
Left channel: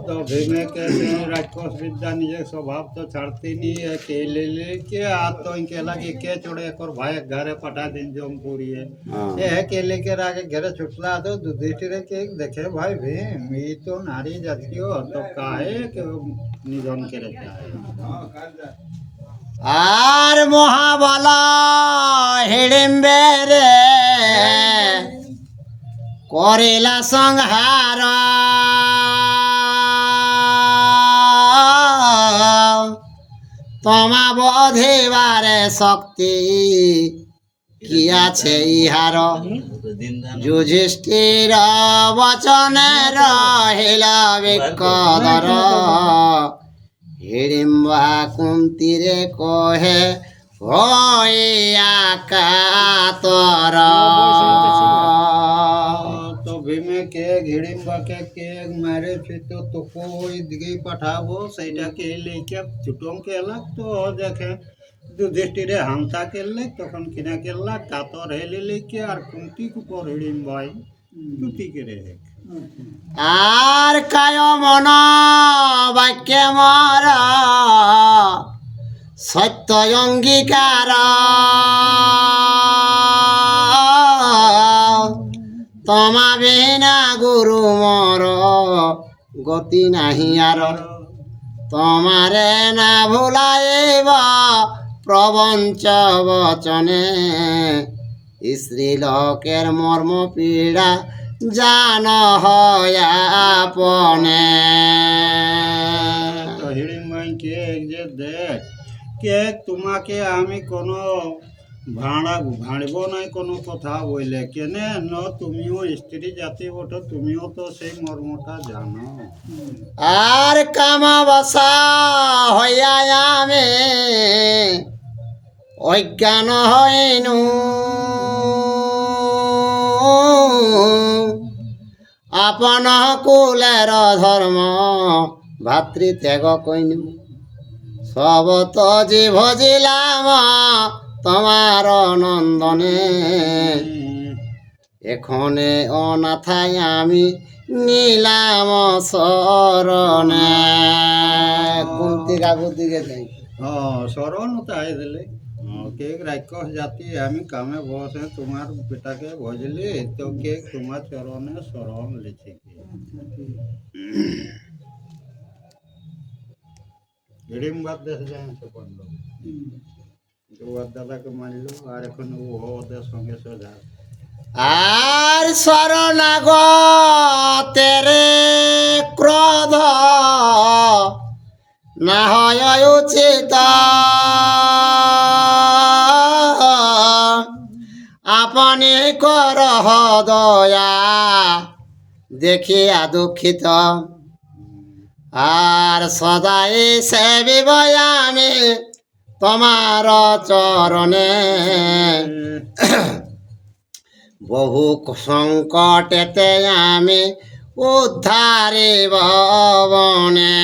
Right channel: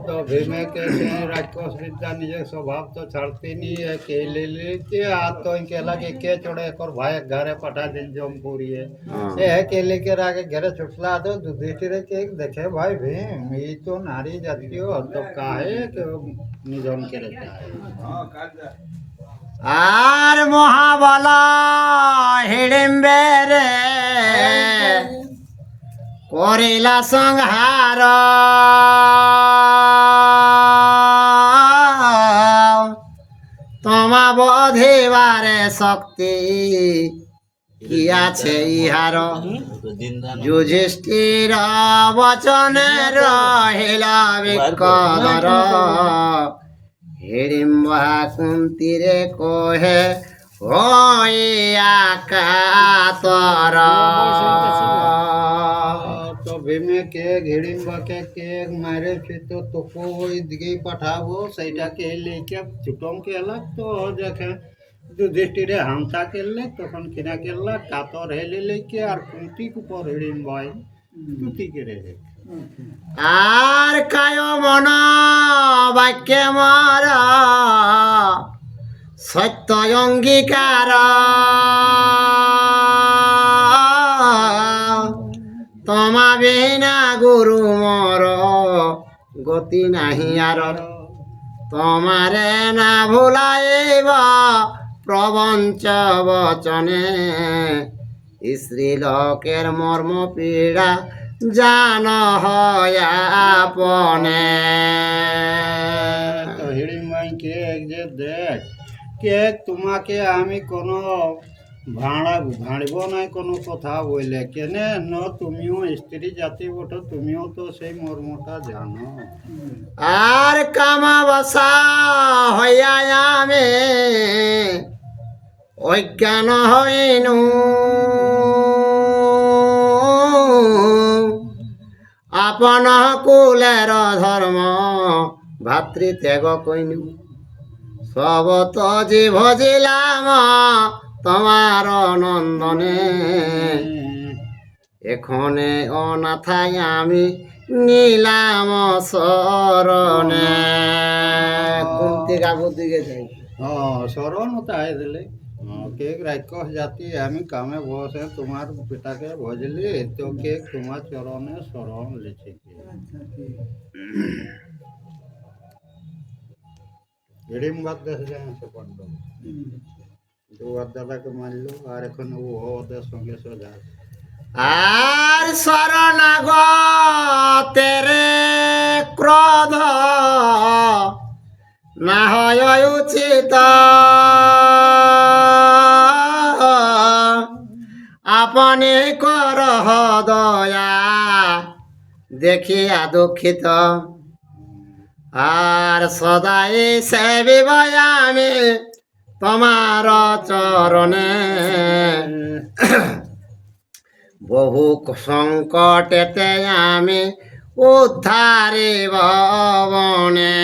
तो भीमे के राक्षस विद्या निजे स्वभाव तो छाड़ती नहीं है के ले के आ तो इनके लगे के छोड़े एक और भाई घरे पठा दिन जमपुरी है ये है के लेके आगे घरे छुटला तो युधिष्ठिर के देखे भाई भीम ये तो नारी जाती हो तो काहे के निधन के रहता है আর মহাবল হিড়িম্বে রে করিলা সংহার তোমা বধিবারে শক্তি কি আছে ইহার যুধিষ্ঠির বচনে রহিল বিকদর হিড়িম্বা কুন্তীরে কহে হইয়া কাতর तो भीमे के घिड़िम्बा के मारे फिर तो कोई दिगे पठाबो सैटा के लेके छुटम के अलग तो देखे युधिष्ठिरे हमता के ले तखन किना के ला कातर हेले लेके और कुंती को पर हिड़िम्बाई तुती के रे আর কায় মন বাক্যে মর সত্য অঙ্গীকার তোমা বিনা গুরু মর গতি নাহি আর তোমারে না ভুলাইব প্রবঞ্চ বচনে স্ত্রীলোকের মর্ম পীড়া জান হয়াপনে तो हिड़िम्बाई के जे देख के তোমাকে আমি কোনো ভাঁড়ব নাই কোনো কথা বইলে কেনে ন তুমিও স্ত্রী জাতি ওঠো তুমিও তো সেই মর্মটা জানো আর কামাবসা হইয়া আমি অজ্ঞান হইনু আপন কুলের ধর্ম ভাতৃত্যাগ কইনু সব তো ভজিলাম তোমার নন্দনে এখনে অনাথায় আমি নিলাম শরণে কুন্তি কাকুর দিকে যাই শরণ তাই দিলে কে রাক্ষস জাতি আমি কামে বসে তোমার পিতাকে ভজলি তো কে তোমার চরণে শরণ লেছে হিড়িম্বার দেশ যায় সে পাণ্ডব দুয়ার দাদাকে মারলো আর এখন ও ওদের সঙ্গে সোজা আর শরণাগতেরে ক্রোধ না হয় উচিত আপনি কর দয়া দেখিয়া দুঃখিত আর সদাই সেবিব আমি তোমার চরণে বহু সংকটেতে আমি উদ্ধারিব বনে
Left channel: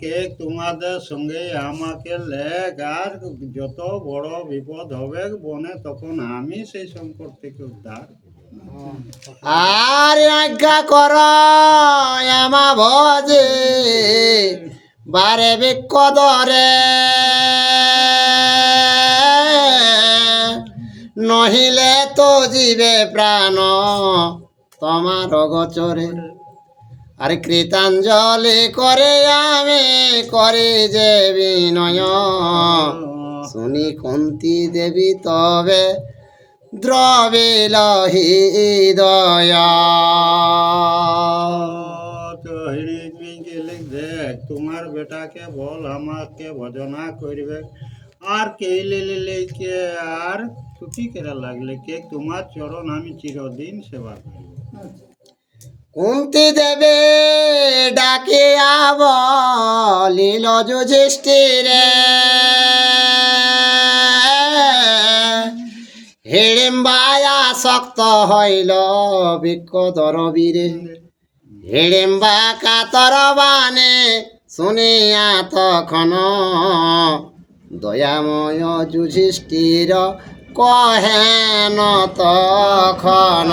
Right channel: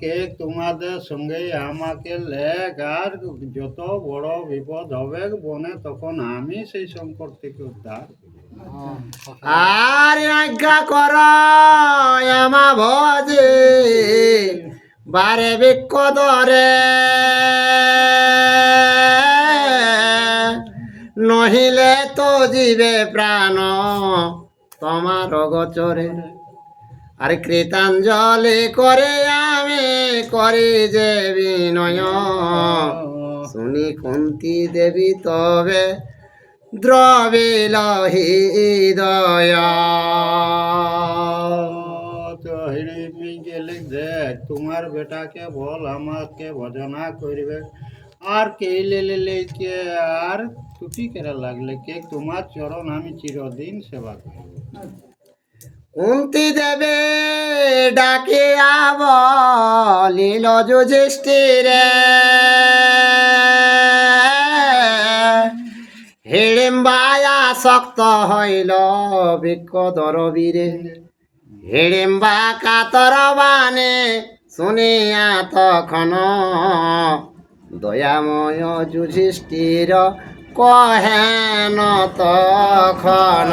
কে তোমাদের সঙ্গে আমাকে লেখ আর যত বড় বিপদ হবে বনে তখন আমি সেই সংকট থেকে উদ্ধার আর আজ্ঞা কর আমা ভজে বারে বিকদরে নহিলে তো জীবে প্রাণ তোমার গোচরে আর কৃতাঞ্জলি করে আমি করি যে বিনয় শুনি কুন্তি দেবী তবে দ্রবিল হৃদয় তো হিড়িম্বি গেলে দেখ তোমার বেটাকে বল আমাকে ভজনা করবে আর কে লে কে আর ছুটি করে লাগলে কে তোমার চরণ আমি চিরদিন সেবা করব কুন্তি দেবে ডাকিয়া বলিল যুধিষ্ঠিরে হিড়িম্বায়া শক্ত হইল বিকদর বীরে হিড়িম্বা কাতর বাণী শুনিয়া তখন দয়াময় যুধিষ্ঠির কহেন তখন।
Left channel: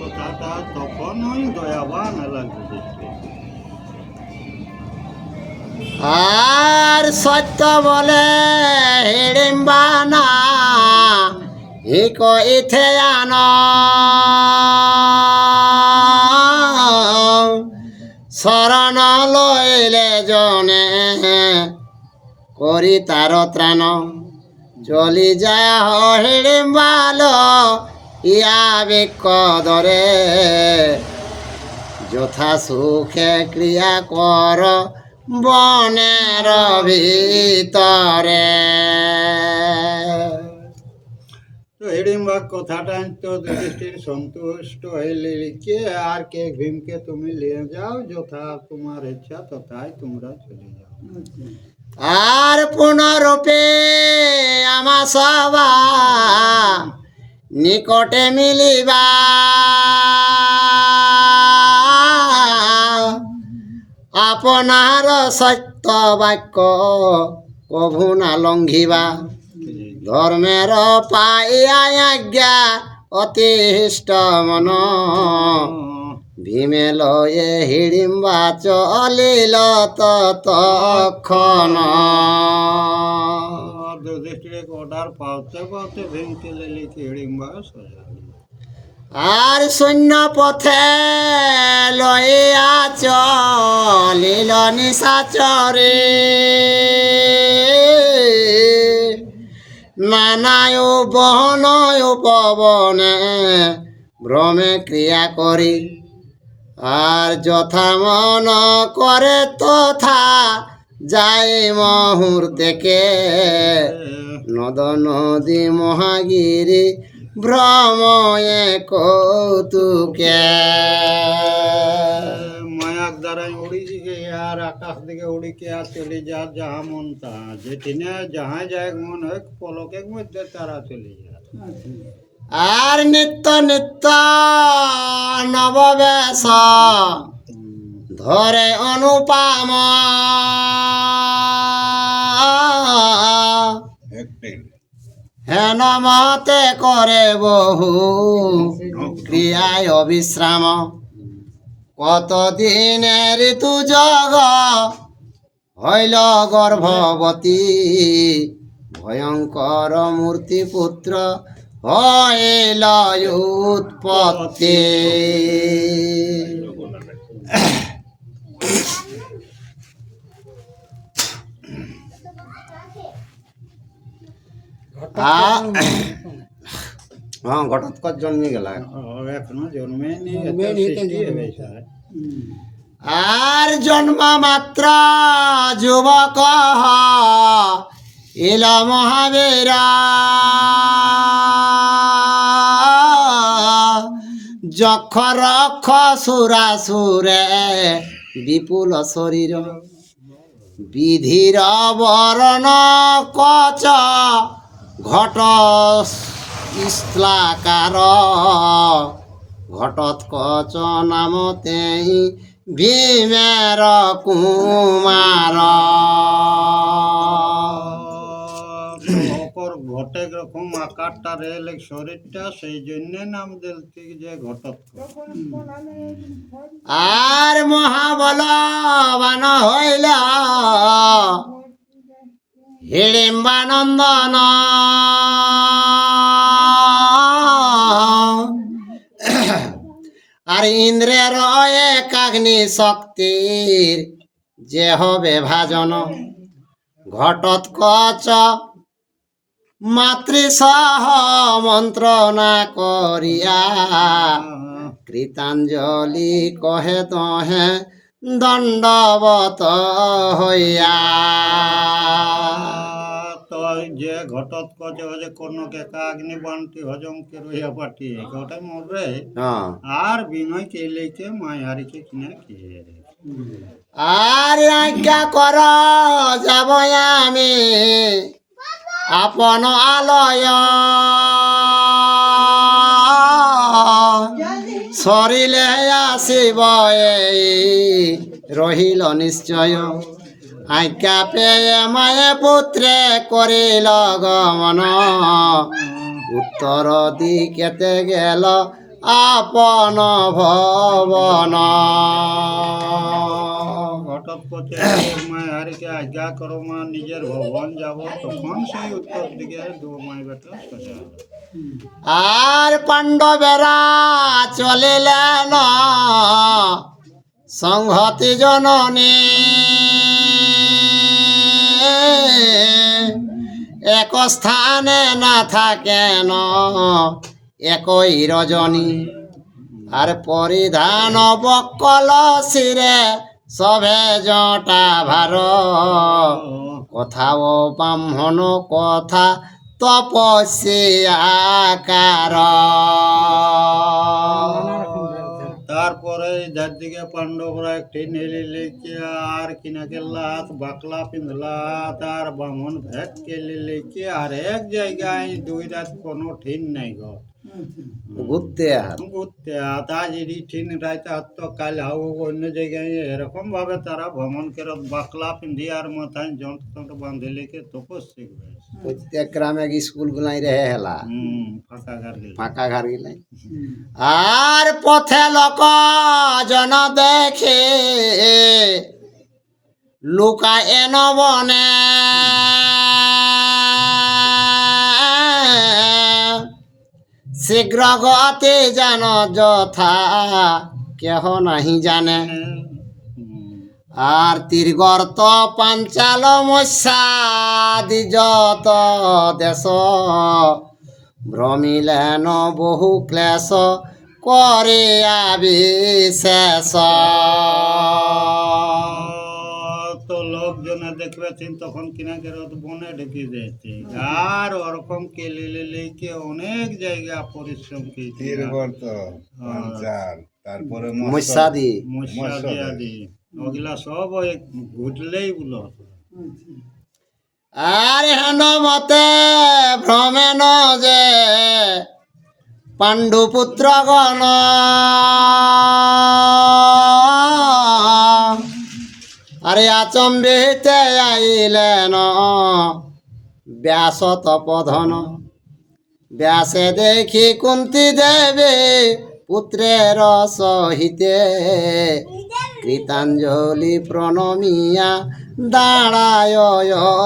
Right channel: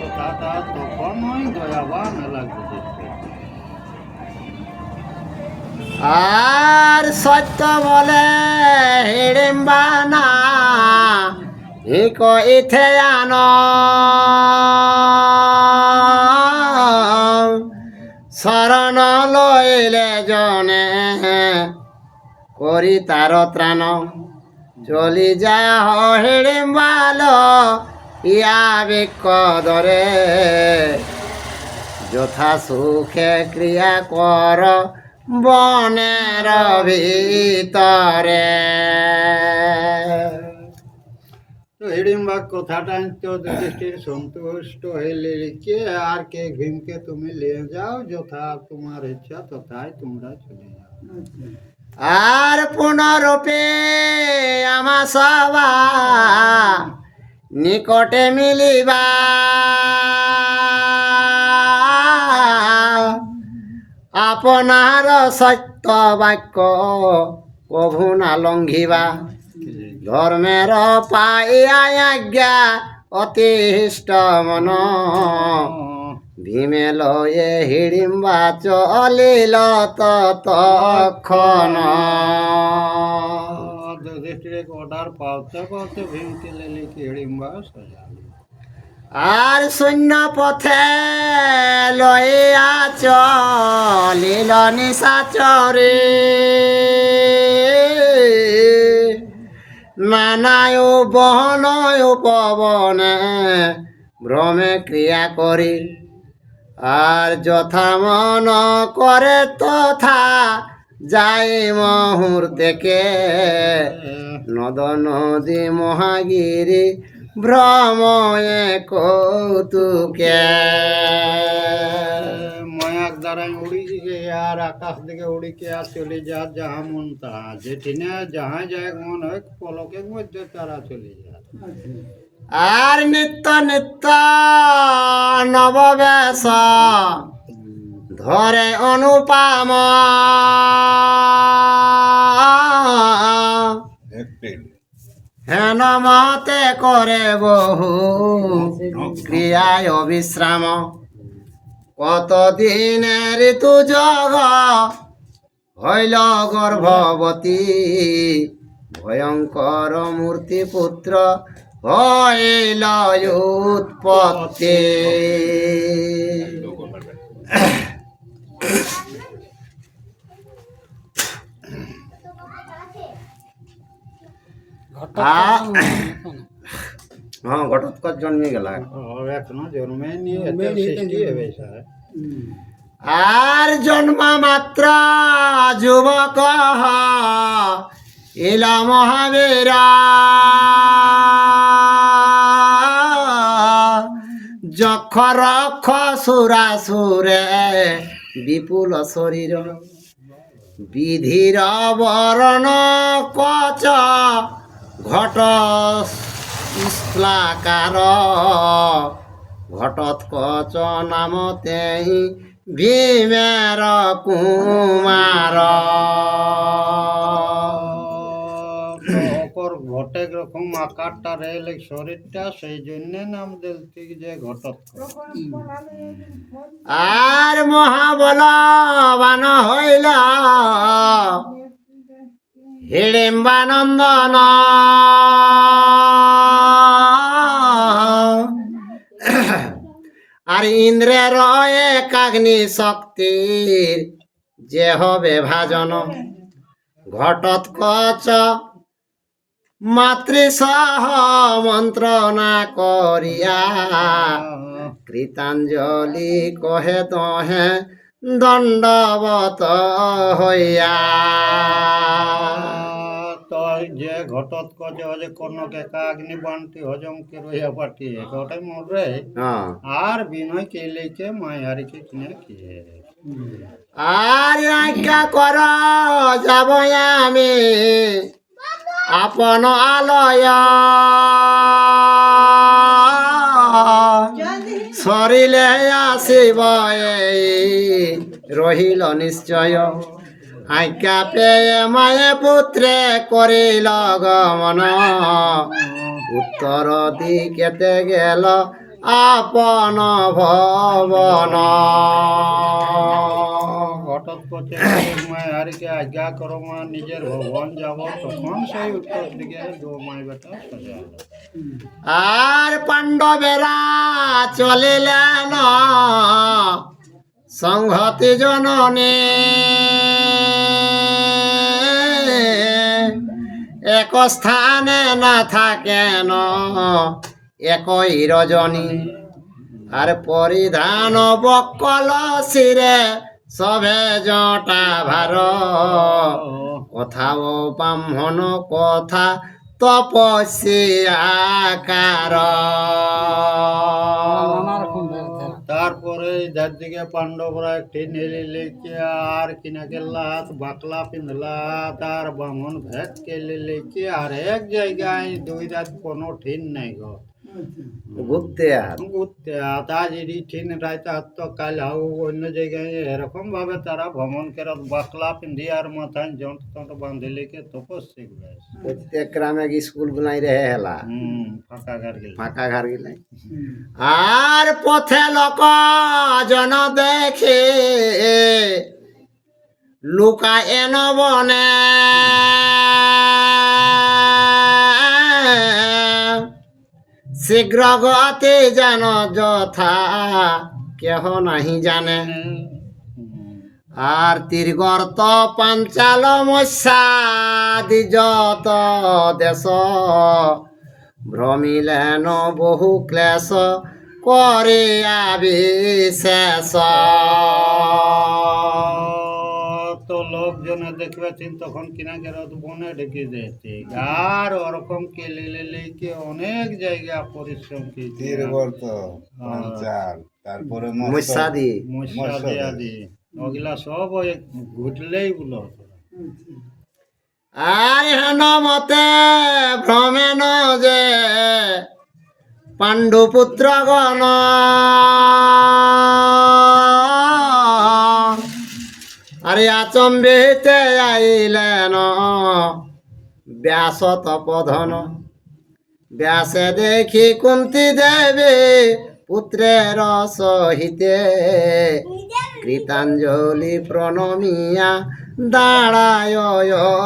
কথাটা তখনই দয়াবান এলা যুধিষ্ঠির। আর সত্য বলে হিড়িম্বা না ইক ইথে আন শরণ লইলে জনে করি তার ত্রাণ চলি যায় হিড়িম্বাল ইয়া বিক দরে যথা সুখে ক্রিয়া কর বনের ভিতরে। তো হিড়িম্বা কথাটা তো যুধিষ্ঠির সন্তুষ্ট হইলে কে আর কে ভীমকে তুমি নিয়ে যাও, যথা তোমার ইচ্ছা তথায় তোমরা চলে যাও। আর পুনরূপে আমা সবা নিকটে মিলিবা আপনার সত্য বাক্য কভু না লঙ্ঘিবা ধর্মের পাইয়া আজ্ঞা অতিষ্ঠ মন ভীমে লয়ে হিড়িম্বা চলিল ততক্ষণ। যুধিষ্ঠির অর্ডার পাওতে পাওতে ভীমকে লেলি হিড়িম্বা সোজা। আর শূন্য পথে লইয়া চলিল নিশাচরে নানায় বহনয় পবনে ভ্রমে ক্রিয়া করি আর যথা মন করে তথা যাই মুহূর্তেকে নদ নদী মহাগিরি ভ্রময়ে কৌতুকে। মায়াক দ্বারাই উড়ি গিয়ে আর আকাশ দিকে উড়িকে আর চলে যা যাহা মন তাহা, যেখানে যাহা যায় মন হয় পলকের মধ্যে তারা চলে যায়। আর নিত্য নিত্য নববেশ ধরে অনুপাম হেন মতে করে বহু ক্রিয়ায় অবিশ্রাম কতদিনে ঋতু জগ হইল গর্ভবতী ভয়ঙ্কর মূর্তি পুত্র হইল উৎপত্তি। হ্যাঁ ঘটোৎকচ জন্মে গেলা এখনো জন্মেনি, সৃষ্টি হবে স্যার। আর জন্ম মাত্র যুবক ইল মহাবীরা যক্ষ রক্ষ সুরাসুরে বিপুল শরীর বিধির বরণ কচ ঘট ইস্লাকার ঘটোৎকচ নামতে ভীমের কুমার। ওকর ঘটে রকম আকারটা রেল শরীরটা, সেই জন্য নাম দিলতি যে ঘটোৎকচ। আর মহাবলবান হইল হিড়িম্বানন্দন আর ইন্দ্রের একাগ্নি শক্তির যে হবে ভাজন ঘটোৎকচ মাতৃসহ মন্ত্রণা করিয়া কৃতাঞ্জলি কহে তহে দণ্ডবত হইয়া। তো যে ঘটোৎকচ হলে কর্ণকে একাগ্নি বানটি হজম কে রইয়া পাঠিয়ে ওটাই মরবে। হ্যাঁ আর বিনয় কে লেকে মায়ারিকে কিনে খেয়ে আর আজ্ঞা কর যাব আমি আপন আলয় সরিলে আসিব এই রহিল নিশ্চয় আজ্ঞা পেয়ে মায়ে পুত্রে করিল গমন উত্তর দিকেতে গেল আপন ভবন ঘটোৎকচে মায়ারিকে আজ্ঞা করো মা নিজের ভবন যাব, তখন সেই উত্তর দিকে মাই বেটা সোজা হলো। আর পাণ্ডবেরা চলিলেন সংহতি জননী এক স্থানে না থাকেন একই রজনী আর পরিধান বকল শিরে সবে জটা ভার কথাও ব্রাহ্মণ কথা তপস্যাকার নানা রকম ব্যাপার। তারপরে যার দিকে পাণ্ডবরা একটি নেলি লেকে আর কিনাকে লাত বাকলা পিঁধলা তার বামন ভেট কেলে লেকে আর এক জায়গায় দুই রাত কোনো ঠিন নাই গো ঘুরতে আর ঘুরতে তা যদি ঠিন রাইতে আর তো কাল হাও অন্য জায়গায় এরকম ভাবে তারা ভ্রমণ করে বাকলা পিঁধি আর মাথায় যন্ত্র বাঁধে লেকে তপস্যা করে প্রত্যেক গ্রামে স্কুল গুলাই রেহে হেলা ফাঁকা ঘর গেল ফাঁকা ঘর গিলাই আর পথে লোক জন দেখে লুকা এন বনে শীঘ্র গতি জান যথা কেহ নাহি জানে আর তীর্গর্ত পাঞ্চাল মৎস্যাদি যত দেশ ভ্রমিলেন বহু ক্লেশ করিয়া বিশেষ তো লোকজনে দেখবেছেন তখন কিনা গেরত বনে ঢেকে যাচ্ছে আর ওরকম কেলে লেকে অনেক জায়গা পরিশ্রম তীরগর্ত পাঞ্চাল তারপরে মৎস্যাদি মশাদি আদি ওগুলা সব ওই ঘুটলেই বলো আর হেন মতে ভ্রমেন যে পাণ্ডুপুত্র গণ আরে আচম্বিতে আইলেন ব্যাস তপধন ব্যাসে দেখি কুন্তি দেবী পুত্রের সহিতে কৃতাঞ্জলি প্রণমিয়া দাঁড়ায়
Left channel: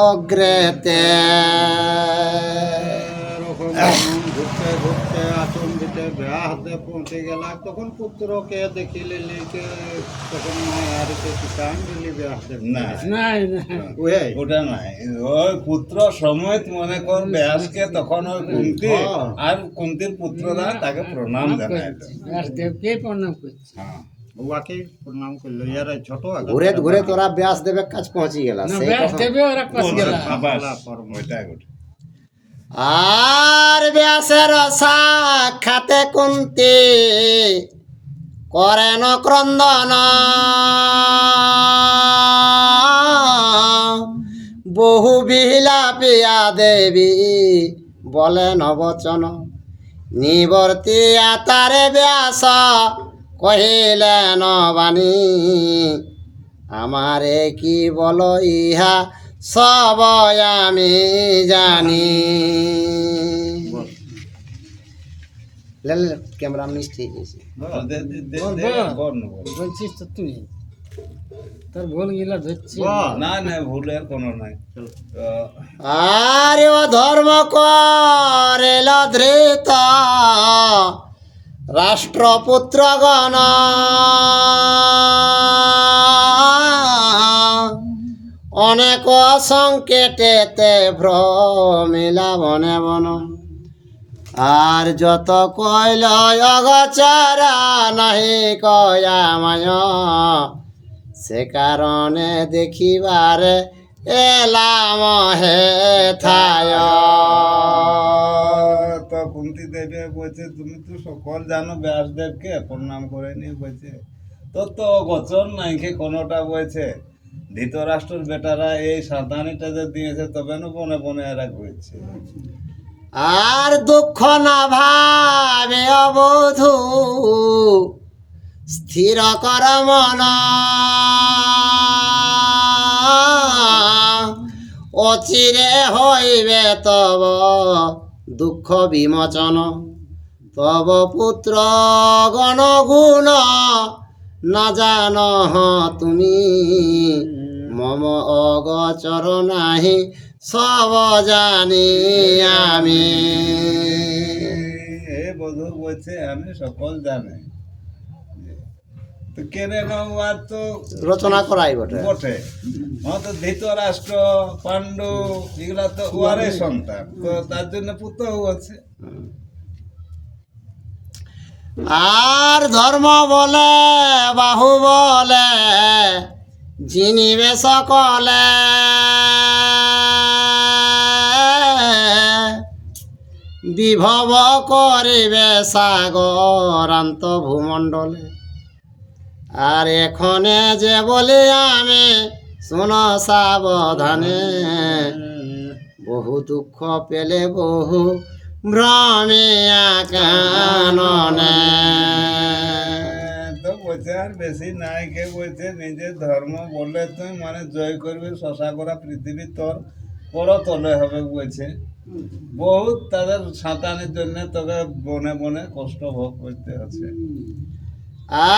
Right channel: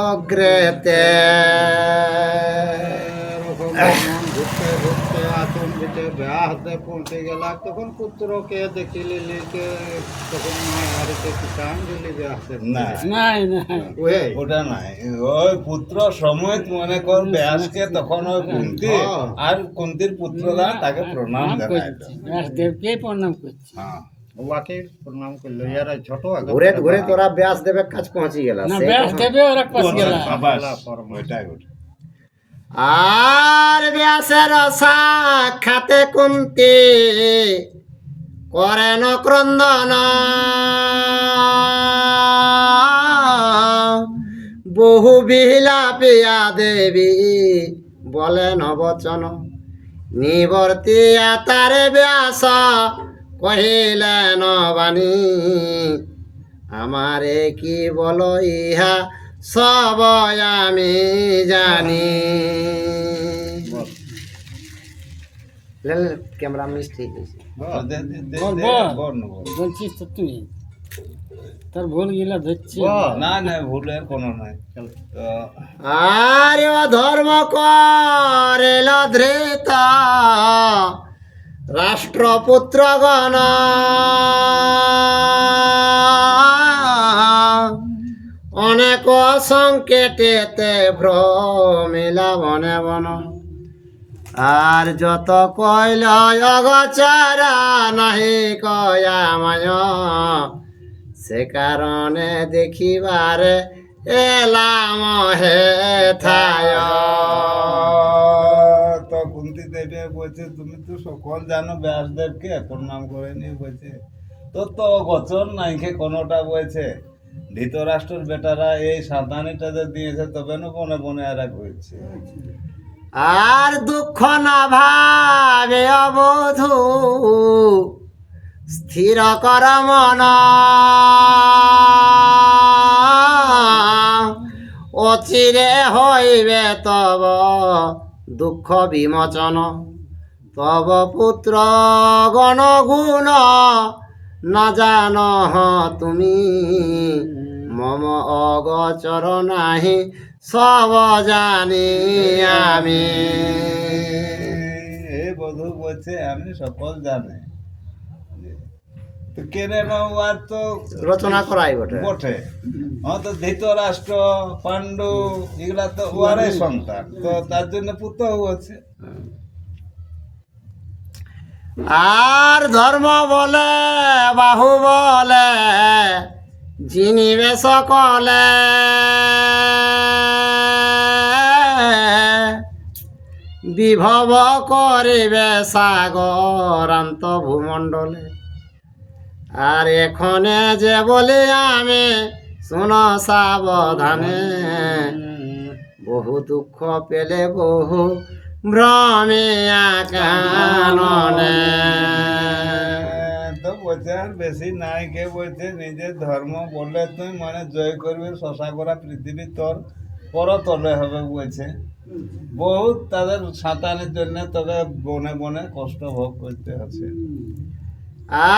অগ্রেতে এরকম ঘুরতে ঘুরতে আচম্বিতে ব্যাসে পৌঁছে গেলা তখন পুত্রকে দেখিলে লিখে তখন আর তো কৃতাঞ্জলি ব্যাসে না নাই নাই ওই ওটা নাই ওই পুত্র সমেত মনে কর ব্যাসকে তখন ওই কুন্তি আর কুন্তির পুত্ররা তাকে প্রণাম জানায় করছি ব্যাসদেবকে প্রণাম করছি। হ্যাঁ ওকে প্রণাম করলো ইয়ার ছোট ঘুরে ঘুরে তোরা ব্যাস দেবে কাজ পৌঁছে গেল না সেই ব্যাস কথা। দেবে ওরা পাশ গেল ওইটাই ওটা আর ব্যাসের সাক্ষাতে কুন্তি করেন ক্রন্দন বহু বিলাপিয়া দেবী বলেন বচন নিবর্তিয়া তারে ব্যাস কহিলেন বাণী আমারে কি বল ইহা সব আমি জানি ক্যামেরা মিস ঠিক আছে বলছিস তো তুই তোর ভুল গিলা ধরছি না না ভুলের কোনো নাই আরে ও ধর্ম করেল ধৃত রাষ্ট্রপুত্রগণ অনেক সংকেতেতে ভ্রমিলা বনে বন আর যত কইল অগচারা নাহি কয়া মায় সে কারণে দেখিবারে এলাম হে থায় তো কুন্তি দেবী বলছে তুমি তো সকল জানো ব্যাসদেবকে প্রণাম করে নিয়ে বলছে তোর তো গচন নাই খে কোনোটা বলছে ধৃতরাষ্ট্রের বেটারা এই সাবধানীটা যে দিয়েছে তবে না বনে বনে এরা ঘুরছে আর দুঃখ না ভাবে অবধূ স্থির কর মন অচিরে হইবে তব দুঃখ বিমোচন তব পুত্র গণগুণ না জান তুমি মম অগচর নাহি সব জানি আমি। এ বধূ বলছে আমি সকল জানে, তো কেনে আর তো রচনা করাই বটে। বটে তো ধৃতরাষ্ট্র পাণ্ডু এগুলা তো ওয়ারই সন্তান, তো তার জন্য পুত্র আছে। আর ধর্ম বলে বাহু বলে জিনিবে সকলে বিভব করিবে সাগরান্ত ভূমণ্ডলে। আর এখনে যে বলি আমি শুন সাবধানে বহু দুঃখ পেলে বহু ভ্রমিয়া কাননে। তো বলছে আর বেশি নাই, কে বলছে নিজের ধর্ম বললে তুই মানে জয় করবি, শশা করা পৃথিবী তোর পরতলে হবে বলছে। বহুত তাদের সাঁতারের জন্য তোকে বনে বনে কষ্ট ভোগ করতে হচ্ছে।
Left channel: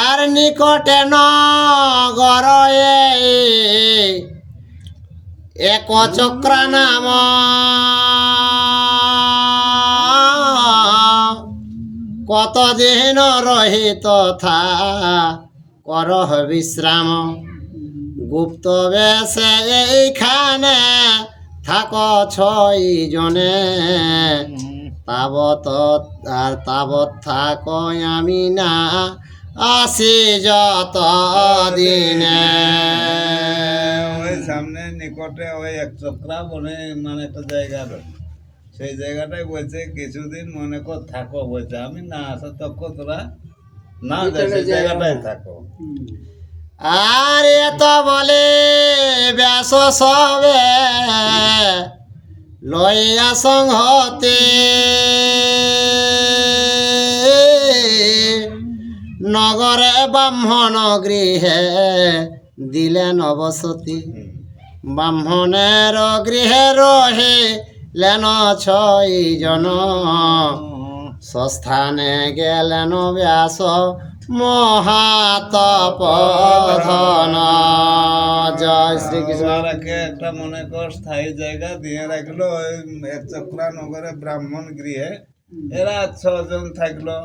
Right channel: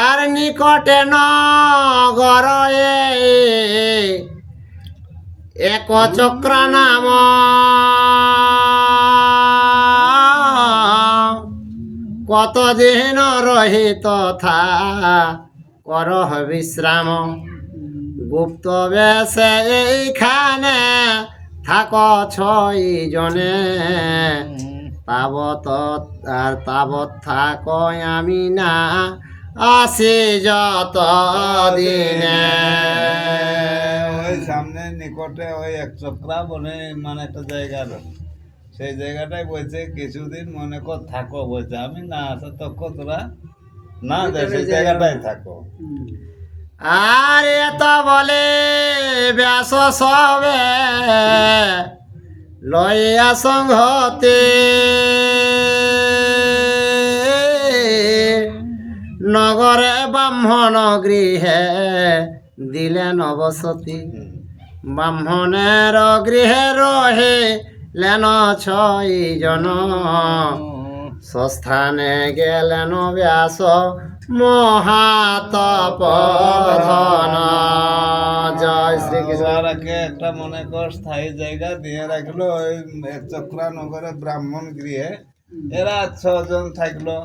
আর নিকটে নগর এক চক্র নাম কতদিন রহি তথা কর বিশ্রাম গুপ্ত বেশে এইখানে থাক ছয় জনে তাবত আর তাবত থাক আমি না আসি যত দিনে। ওই সামনে নিকটে ওই এক চক্রা বনে মানে একটা জায়গা রয়েছে, সেই জায়গাটাই বলছে কিছুদিন মনে কর থাকো বলছে, আমি না আসা তক্ষ তোরা না যাই সেই জায়গাটাই থাকো। আর এত বলে ব্যাস সবে লইয়া সংহতে নগরে ব্রাহ্মণ গৃহে দিলেন বসতি। ব্রাহ্মণের গৃহে রহিলেন ছয় জন স্বস্থানে গেলেন ব্যাস মহাতপধন। জয় শ্রীকৃষ্ণ। তারাকে একটা মনে কর স্থায়ী জায়গা দিয়ে রাখলো ওই এক চক্রা নগরে ব্রাহ্মণ গৃহে। এরা 6 জন থাকলো।